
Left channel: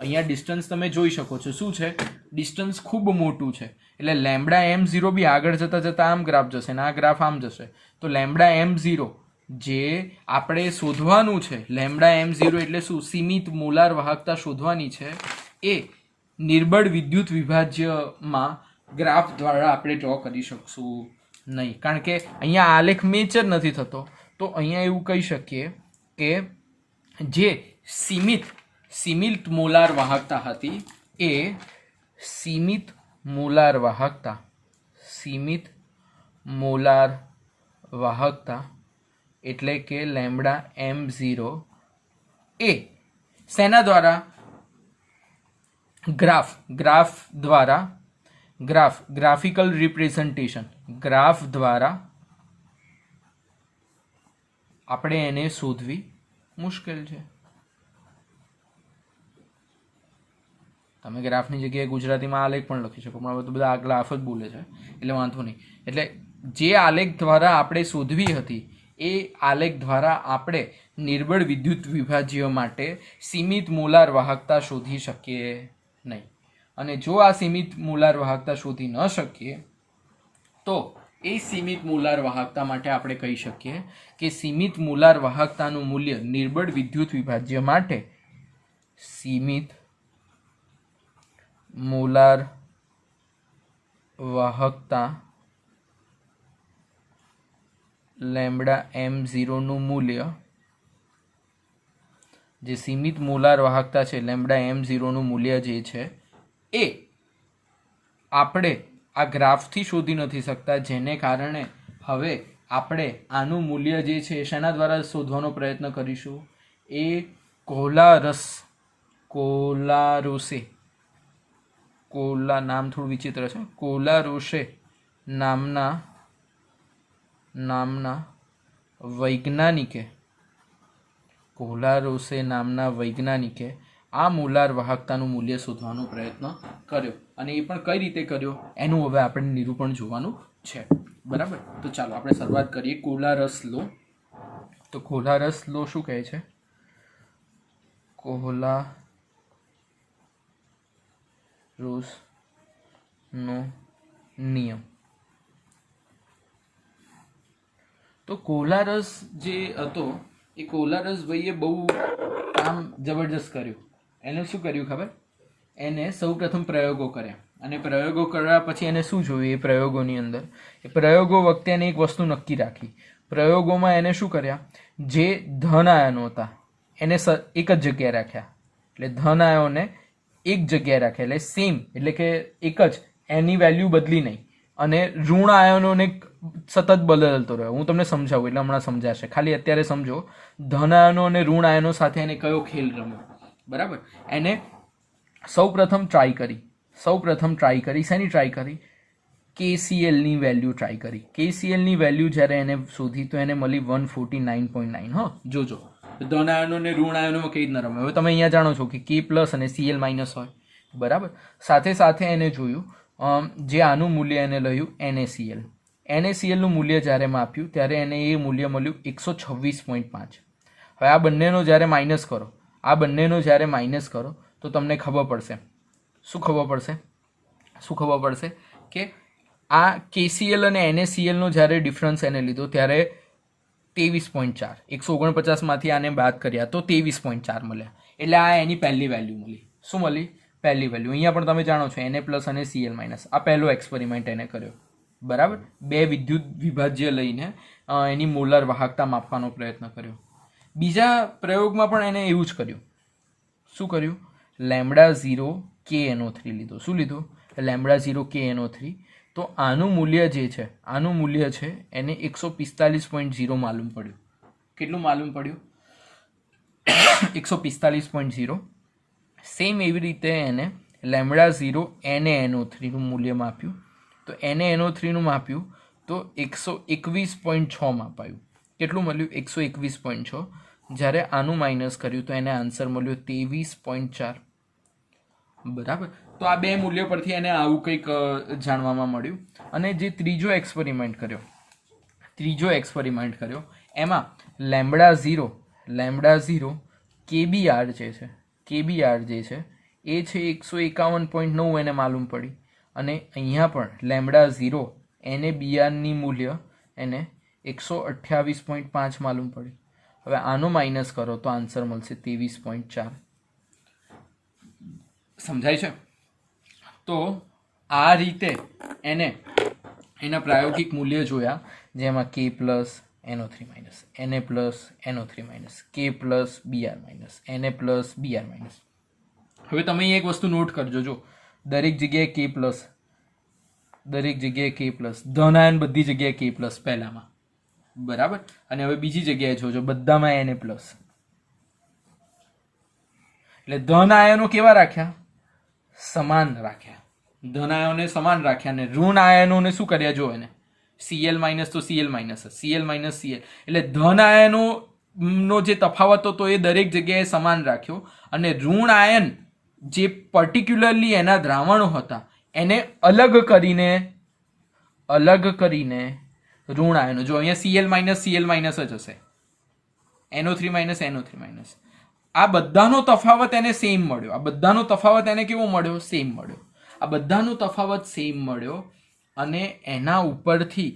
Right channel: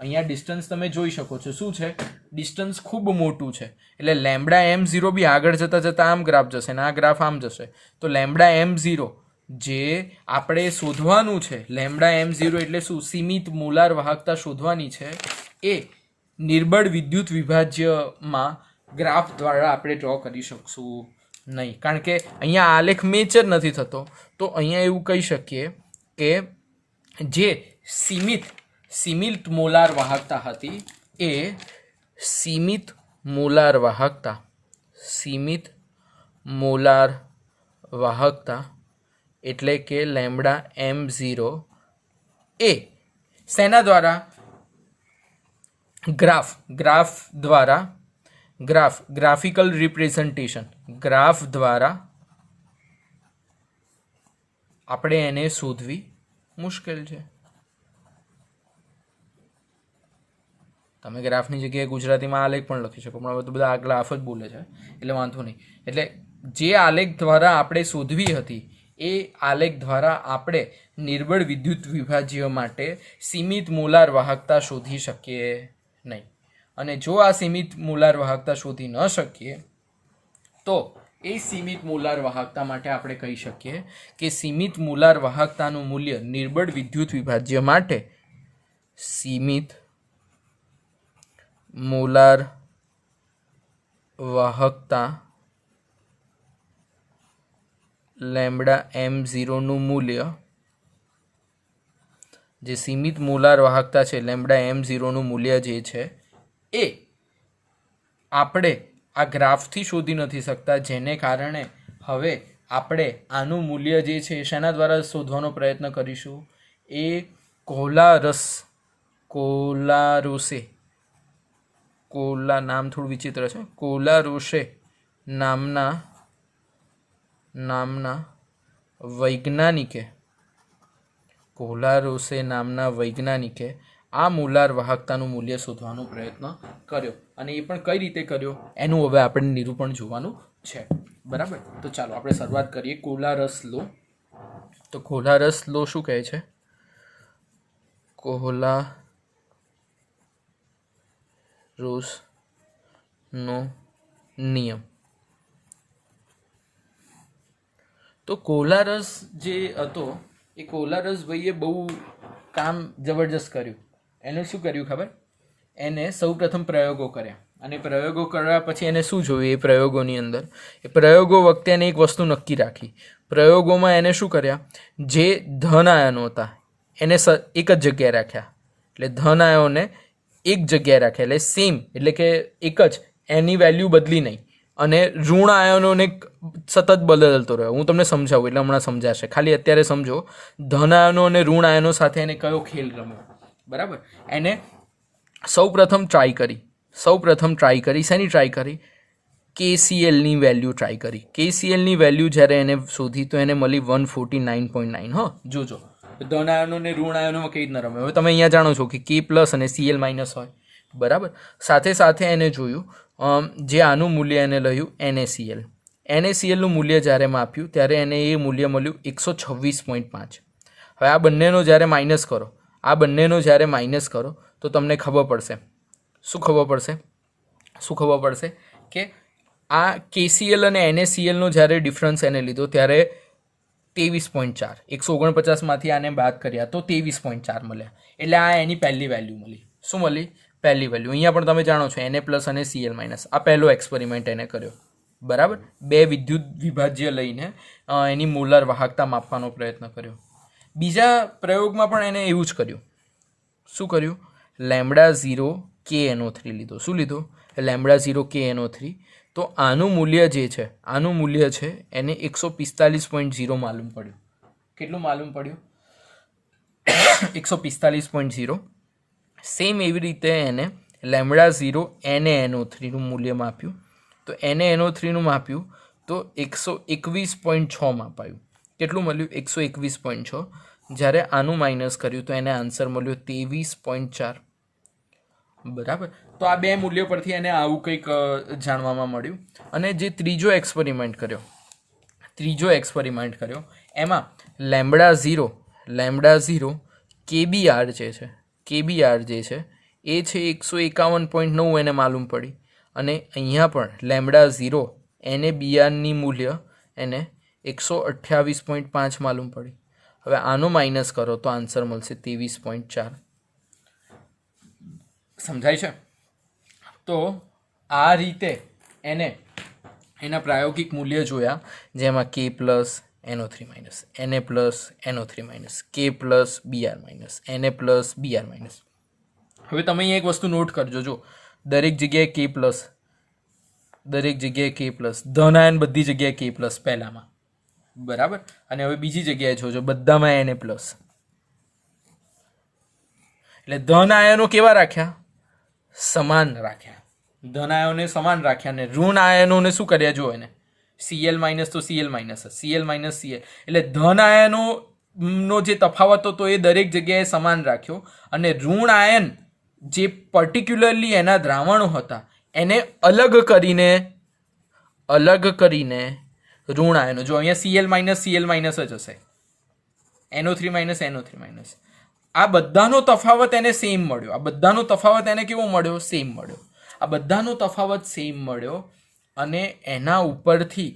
અહીંયા ડિસ્ટન્સ તમે જોઈ શકો છો, શું છે? ડિસ્ટન્સ ખૂબ મોટું છે. એટલે લેમ્બડા M0 બી આગળ જતાં આમ ગ્રાફ જશે ને આ ગ્રાફ આમ જશે. તો લેમ્બડા M0 જે આપણે શોધવાનું છે, લેમ્બડા M0 એટલે શું? સીમિત મોલાર વાહકતા શોધવાની છે. એ નિર્બળ વિદ્યુત વિભાજ્યમાં ગ્રાફ દ્વારા આપણે ડ્રો કરી શકશું નહીં, કારણ કે અહીંયા આલેખ મેચ જ નથી થતો. તો અહીંયા એવું કહી શકીએ કે જે સીમિત મોલાર વાહકતા હતી, એ સીમિત મોલાર વાહકતા એટલે કે લેમ્બડા M0 એ શેના દ્વારા? ગ્રાફિકલ રિપ્રેઝન્ટેશન, ગ્રાફ દ્વારા આપણે એને શોધવી મુશ્કેલ છે. તમે ગ્રાફની જગ્યાએ ગુજરાતીમાં આલેખ પણ લખી શકો, પણ હવે તો બધા આ ગ્રાફ જ બોલે છે એટલે વાંધો નહીં. એટલે જે આલેખ દ્વારા આપણે શોધવી હતી, એ આલેખ દ્વારા આપણે નિર્બળ વિદ્યુત વિભાજ્ય માટે સીમિત મોલાર વાહકતા શોધી શકીએ નહીં. અને જો આ સીમિત મોલાર વાહકતા શોધી ન શકીએ તો એ સીમિત મોલાર વાહકતા માટે આપણે કહી શકીએ કે સીમિત મોલાર વાહકતાનું મૂલ્ય નિર્બળ વિદ્યુત વિભાજ્ય માટે સીમિત મોલાર વાહકતા લેમ્બડા M0 નું મૂલ્ય, જે સીમિત મોલાર વાહકતા છે લેમ્બડા M0 નું મૂલ્ય જે છે, એ આપણે આ ગ્રાફથી શોધી નથી શકતા, જેને કારણે હવે આપણે આનું મૂલ્ય જે છે શેના દ્વારા શોધવાનો પ્રયત્ન કરીશું? એ નામ થોડું વિચિત્ર છે, કોલારોસે નામના વૈજ્ઞાનિકે આ મોલાર વાહકતાનું મૂલ્ય શોધવાનો પ્રયત્ન કર્યો. અને એ પણ કઈ રીતે કર્યો એનું હવે આપણે નિરૂપણ જોવાનું છે. બરાબર. તો ચાલો આપણે શરૂઆત કરીએ. કોલારસ લો. તો કોલારસ લો શું કહે છે? કોલારોસનો નિયમ. તો કોલારસ જે હતો, એ કોલારસ ભાઈએ બહુ કામ જબરજસ્ત કર્યું. એને શું કર્યું ખબર? એને સૌ પ્રથમ પ્રયોગો કર્યા, અને પ્રયોગો કર્યા પછી એને શું જોયું? એ પ્રયોગોની અંદર, એ પ્રયોગો વખતે એને એક વસ્તુ નક્કી રાખી. પ્રયોગોમાં એને શું કર્યા? જે ધન આયનો હતા એને એક જ જગ્યાએ રાખ્યા. એટલે ધન આયનોને એક જગ્યાએ રાખ્યા, એટલે સેમ, એટલે કે એક જ, એની વેલ્યુ બદલી નહીં. અને ઋણ આયનોને સતત બદલતો રહ્યો. હું તમને સમજાવું એટલે હમણાં સમજાશે, ખાલી અત્યારે સમજો. ધન આયનો અને ઋણ આયનો સાથે એને કયો ખેલ રમ્યો? બરાબર. એને સૌ પ્રથમ ટ્રાય કરી. શેની ટ્રાય કરી? KClની વેલ્યુ ટ્રાય કરી. KClની વેલ્યુ જ્યારે એને શોધી તો એને મળી 149.9. હા, જોજો ધન આયનો અને ઋણ આયનોમાં કઈ રીતના રમે. હવે તમે અહીંયા જાણો છો કે K+ અને Cl- હોય. બરાબર. સાથે એને જોયું, જે આનું મૂલ્ય એને લયું NaCl નું મૂલ્ય જ્યારે માપ્યું ત્યારે એને એ મૂલ્ય મળ્યું 126.5. હવે આ બંનેનો જ્યારે માઇનસ કરો તો તમને ખબર પડશે શું ખબર પડશે કે આ KCl અને NaCl નો જ્યારે ડિફરન્સ એને લીધો ત્યારે 23.4, 149માંથી આને બાદ કર્યા તો 23.4 મળ્યા. એટલે આ એની પહેલી વેલ્યુ મળી. શું મળી? પહેલી વેલ્યુ. અહીંયા પણ તમે જાણો છો Na પ્લસ અને Cl માઇનસ, આ પહેલો એક્સપેરિમેન્ટ એને કર્યો. બરાબર, બે વિદ્યુત વિભાજ્ય લઈને એની મોલાર વાહકતા માપવાનો પ્રયત્ન કર્યો. બીજા પ્રયોગમાં પણ એને એવું જ કર્યું. શું કર્યું? λ0 KNO3 લીધો. શું લીધું? λ0 KNO3. તો આનું મૂલ્ય જે છે, આનું મૂલ્ય છે એને 145.0 માલુમ પડ્યું. કેટલું માલુમ પડ્યું? 145.0. સેમ એવી રીતે એને λ0 NaNO3 નું મૂલ્ય માપ્યું. તો NaNO3 નું માપ્યું તો 121.6 માપાયું. કેટલું મળ્યું? 121.6. જ્યારે આનું માઇનસ કર્યું તો એને આન્સર મળ્યો 23.4. બરાબર. તો આ બે મૂલ્યો પરથી એને આવું કંઈક જાણવામાં મળ્યું. અને જે ત્રીજો એક્સપેરિમેન્ટ કર્યો એમાં λ0 KBR જે છે એ છે 151.9 એને માલુમ પડી. અને અહીંયા પણ λ0 NaBRની મૂલ્ય એને 128.5 માલુમ પડી. હવે આનો માઇનસ કરો તો આન્સર મળશે 23.4. સમજાય છે? તો આ રીતે એને એના પ્રાયોગિક મૂલ્ય જોયા, જેમાં K plus NO3 minus, Na plus NO3 minus, K plus Br minus, Na plus Br minus. હવે તમે અહીંયા એક વસ્તુ નોટ કરજો. જો દરેક જગ્યાએ K પ્લસ, ધન આયન બધી જગ્યાએ K પ્લસ પહેલામાં. બરાબર. અને હવે બીજી જગ્યાએ જોજો, બધામાં Na પ્લસ. એટલે ધન આયનો કેવા રાખ્યા? સમાન રાખ્યા. ધન આયનોને સમાન રાખ્યા અને ઋણ આયનોને શું કર્યા? જો એને Cl માઇનસ તો Cl minus, Cl minus Cl. એટલે ધન આયનોનો જે તફાવત હતો એ દરેક જગ્યાએ સમાન રાખ્યો. અને ઋણ આયન જે પર્ટિક્યુલરલી એના દ્રાવણો હતા એને અલગ કરીને ઋણ આયનો, જો અહીંયા Cl માઇનસ જ હશે, NO3 માઇનસ. આ બધાનો તફાવત એને સેમ મળ્યો. આ બધાનો તફાવત એને કેવો મળ્યો? સેમ મળ્યો. આ બધાનો તફાવત સેમ મળ્યો. અને એના ઉપરથી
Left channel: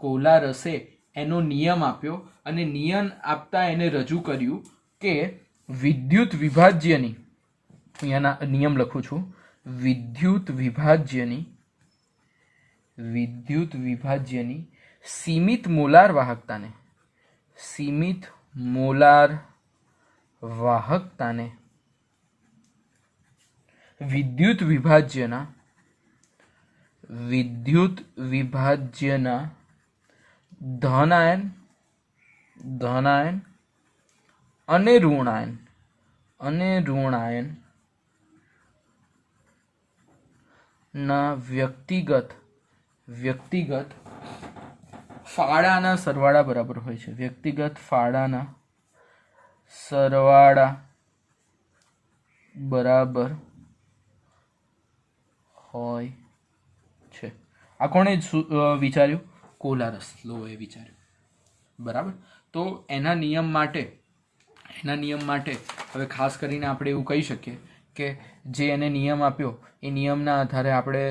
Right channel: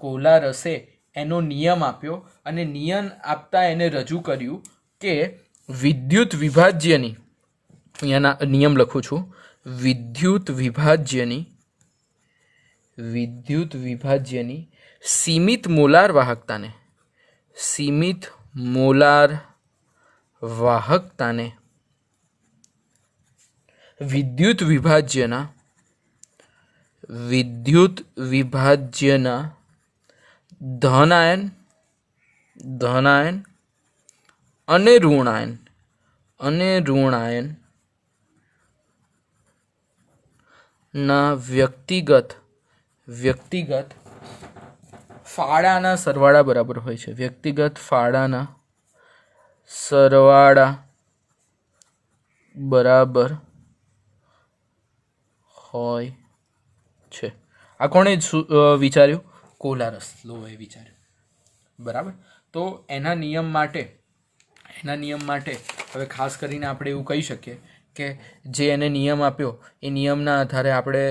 કોલારસે એનો નિયમ આપ્યો. અને નિયમ આપતા એને રજૂ કર્યું કે વિદ્યુત વિભાજ્યની, અહીંયાના નિયમ લખું છું, વિદ્યુત વિભાજ્યની સીમિત મોલાર વાહકતાને વિદ્યુત વિભાજ્યના ધન આયન અને ઋણ આયન ના વ્યક્તિગત ફાળાના સરવાળા બરાબર હોય છે. વ્યક્તિગત ફાળાના સરવાળા બરાબર હોય છે. આ કોણે વિચાર્યું? કોલારસ લોએ વિચાર્યું. બરાબર. તો એના નિયમ માટે હવે ખાસ કરીને આપણે એવું કહી શકીએ કે જે એને નિયમ આપ્યો એ નિયમના આધારે આપણે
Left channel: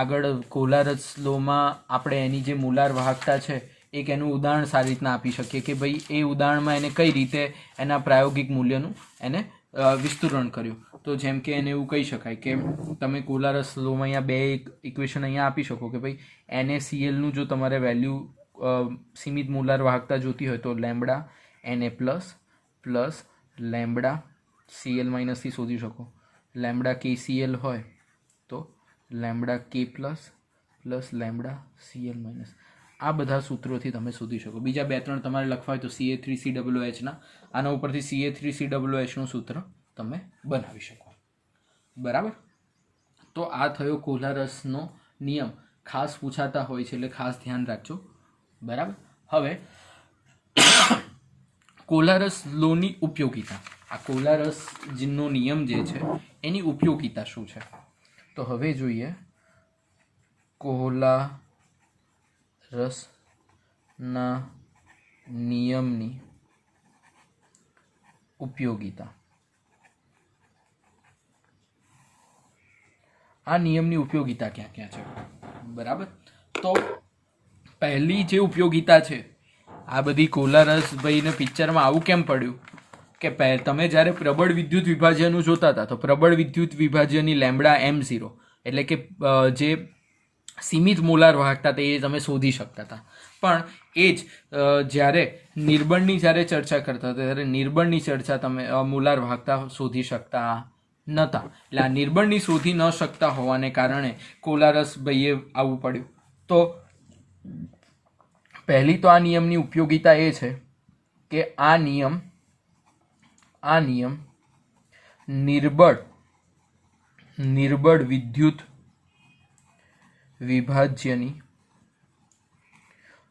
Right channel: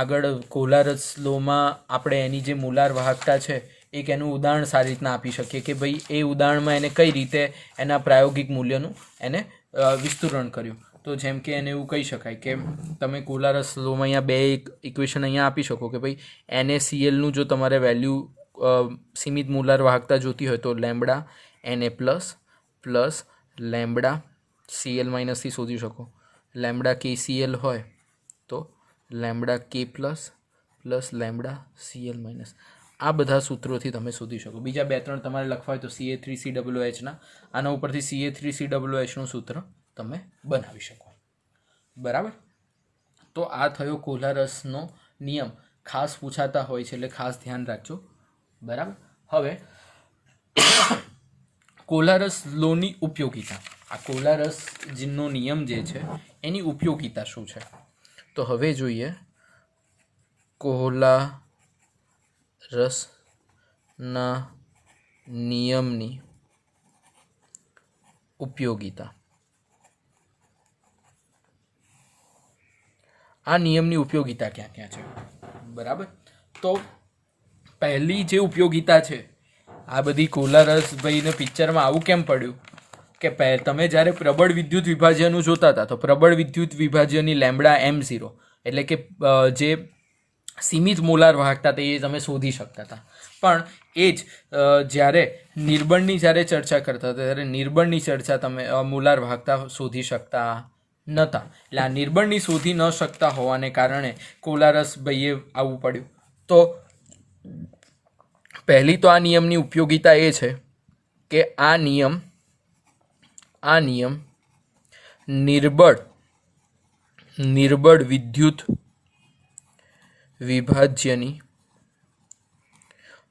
આગળ કોલારસ લોમાં આપણે એની જે મોલાર વાહકતા છે એક એનું ઉદાહરણ સારી રીતના આપી શકીએ કે ભાઈ એ ઉદાહરણમાં એને કઈ રીતે એના પ્રાયોગિક મૂલ્યનું એને વિસ્તૃરણ કર્યું. તો જેમ કે એને એવું કહી શકાય કે તમે કોલારસ લોમાં અહીંયા બે ઇક્વેશન અહીંયા આપી શકો કે ભાઈ NaClનું જો તમારે વેલ્યુ સીમિત મોલાર વાહકતા જોતી હોય તો lambda Na plus lambda Cl માઇનસથી શોધી શકો. લેમ્બડા KCl હોય તો lambda K plus lambda Cl minus. આ બધા સૂત્રોથી તમે શોધી શકો. બીજા 2-3 તમારે લખવા હોય તો Ca3COOHના આના ઉપરથી Ca3COOHનું સૂત્ર તમે બનાવી શકો. બરાબર. તો આ થયો કોલારસનો નિયમ. ખાસ પૂછાતા હોય છે એટલે ખાસ ધ્યાન રાખજો. બરાબર. હવે કોલારસ લોની ઉપયોગિતા, આ કોલારસનો નિયમ જે છે એની ઉપયોગિતા શું છે? તો હવે જોઈએ કોલારસના નિયમની ઉપયોગિતા. આ નિયમની ઉપયોગિતા ક્યાં ક્યાં છે, બરાબર. તો પહેલી જે ઉપયોગિતા છે, આ બધી કોલારસ ભાઈને પિક્ચરમાં આવું કેમ પડ્યું કે તમે જ્યારે પ્રબળ વિદ્યુત વિભાજ્યનું જોતા હતા તો પ્રબળ વિદ્યુત વિભાજ્યની લેમ્બડા M0 એટલે કે જે સીમિત મોલાર વાહકતા તે એ તમે શોધી શકતા હતા. પણ એ જ જ્યારે નિર્બળની જ્યારે ચર્ચા કરતા હતા ત્યારે નિર્બળની ચર્ચા તમે મોલાર વાહકતા શોધી શકતા નહોતા. એટલે આ નિર્બળની શોધી ન શકતા હોવાને કારણે કોલારસ ભાઈએ આવવું પડ્યું. તો પહેલી તો આ નિયમની ઉપયોગિતા એ છે કે આ નિયમ નિર્બળ વિદ્યુત વિભાજ્યની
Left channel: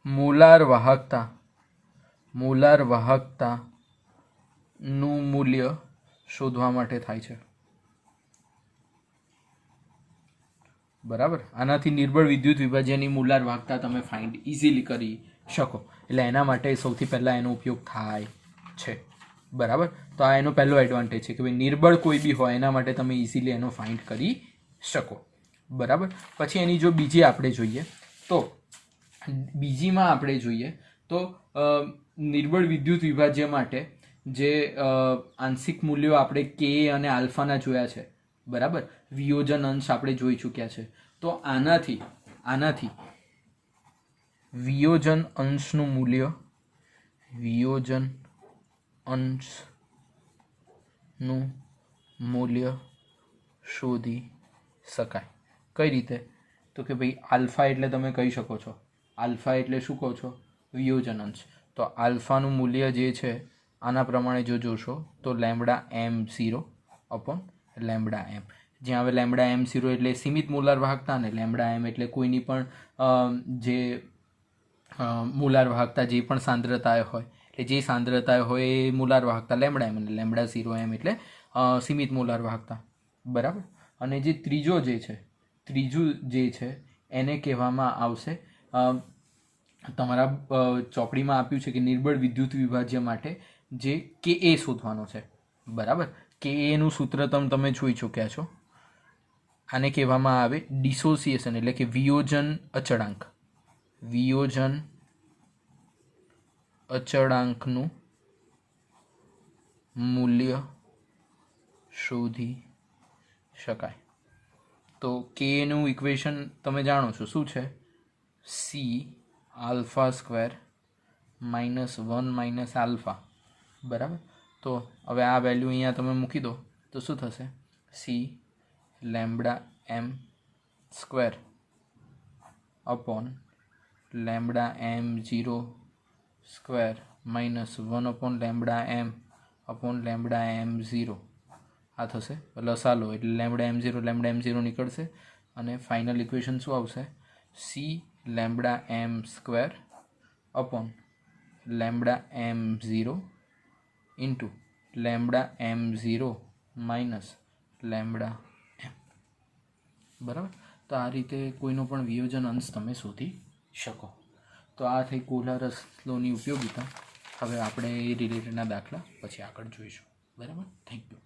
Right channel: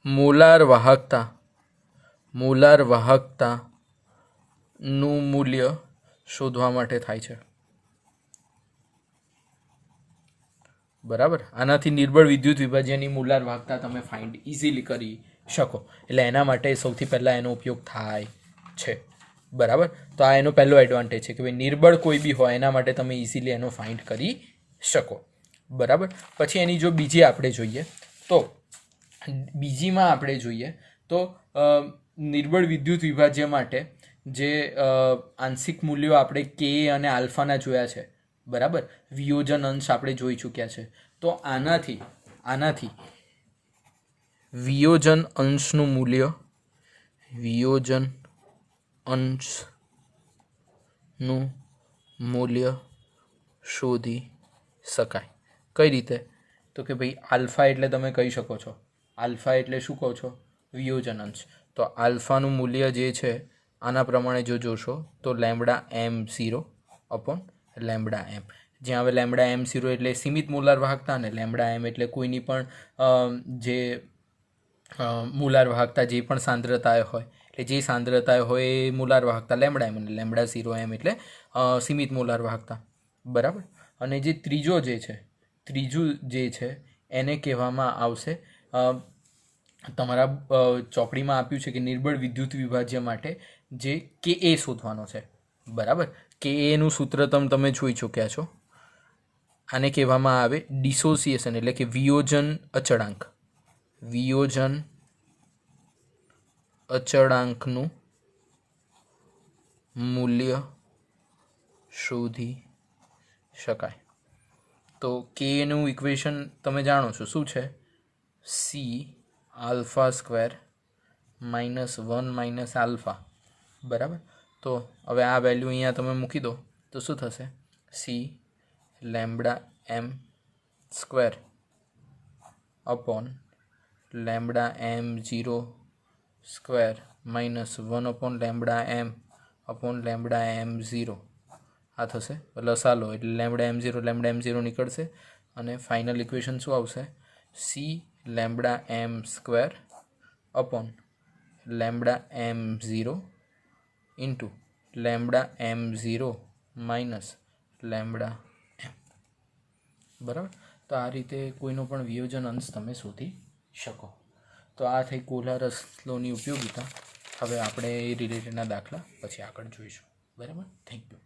મોલાર વાહકતાનું મૂલ્ય શોધવા માટે થાય છે, બરાબર. આનાથી નિર્બળ વિદ્યુત વિભાજ્યની મોલાર વાહકતા તમે ફાઇન્ડ ઇઝીલી કરી શકો. એટલે એના માટે સૌથી પહેલાં એનો ઉપયોગ થાય છે, બરાબર. તો આ એનો પહેલો એડવાન્ટેજ છે કે ભાઈ નિર્બળ કોઈ બી હોય એના માટે તમે ઇઝીલી એનો ફાઇન્ડ કરી શકો, બરાબર. પછી એની જો બીજી આપણે જોઈએ તો નિર્બળ વિદ્યુત વિભાજ્ય માટે જે આંશિક મૂલ્યો આપણે કે અને આલ્ફાના જોયા છે, બરાબર. વિયોજન અંશ આપણે જોઈ ચૂક્યા છે. તો આનાથી વિયોજન અંશનું મૂલ્ય શોધી શકાય. કઈ રીતે? તો કે ભાઈ આલ્ફા એટલે તમે કહી શકો છો, આલ્ફા એટલે શું કહો છો? વિયોજન અંશ. તો આલ્ફાનું મૂલ્ય જે છે આના પ્રમાણે જો જોશો તો lambda M0 upon lambda M. જ્યાં હવે લેમ્બડા M0 એટલે સીમિત મોલાર વાહકતા અને લેમ્બડા M એટલે કોઈની પણ જે મોલાર વાહકતા જે પણ સાંદ્રતાએ હોય એટલે જે સાંદ્રતાએ હોય એ મોલાર વાહકતા લેમ્બડા M અને લેમ્બડા 0 M એટલે સીમિત મોલાર વાહકતા, બરાબર. અને જે ત્રીજું જે છે એને કહેવામાં આવશે, તમારા ચોપડીમાં આપ્યું છે કે નિર્બળ વિદ્યુત વિભાજ્ય માટે જે કે એ શોધવાનો છે, બરાબર. કે એનું સૂત્ર તમે જોઈ ચૂક્યા છો. આને કહેવામાં આવે ડિસોસિએશન એટલે કે વિયોજન અચળાંકનું મૂલ્ય શોધી શકાય. તો કે નું ઇક્વેશન તમે જાણો છો શું છે? C આલ્ફા સ્ક્વેર -1 - આલ્ફા, બરાબર. તો હવે આ વેલ્યુ અહીંયા તમે મૂકી દો તો શું થશે? C lambda M square upon lambda M0 square -1 upon lambda M upon lambda M0 આ થશે. લસા લો એટલે લેમ્બડા M0 નીકળશે અને ફાઇનલ ઇક્વેશન શું આવશે? C lambda M square upon lambda M0 into lambda M0 minus lambda M, બરાબર. તો આ રીતે કોઈનો પણ વિયોજન અંશ તમે શોધી શકો. તો આ થઈ કોલારસ લોની ઉપયોગિતા. હવે આપણે એ રિલેટેડના દાખલા પછી આગળ જોઈશું, બરાબર. Thank you.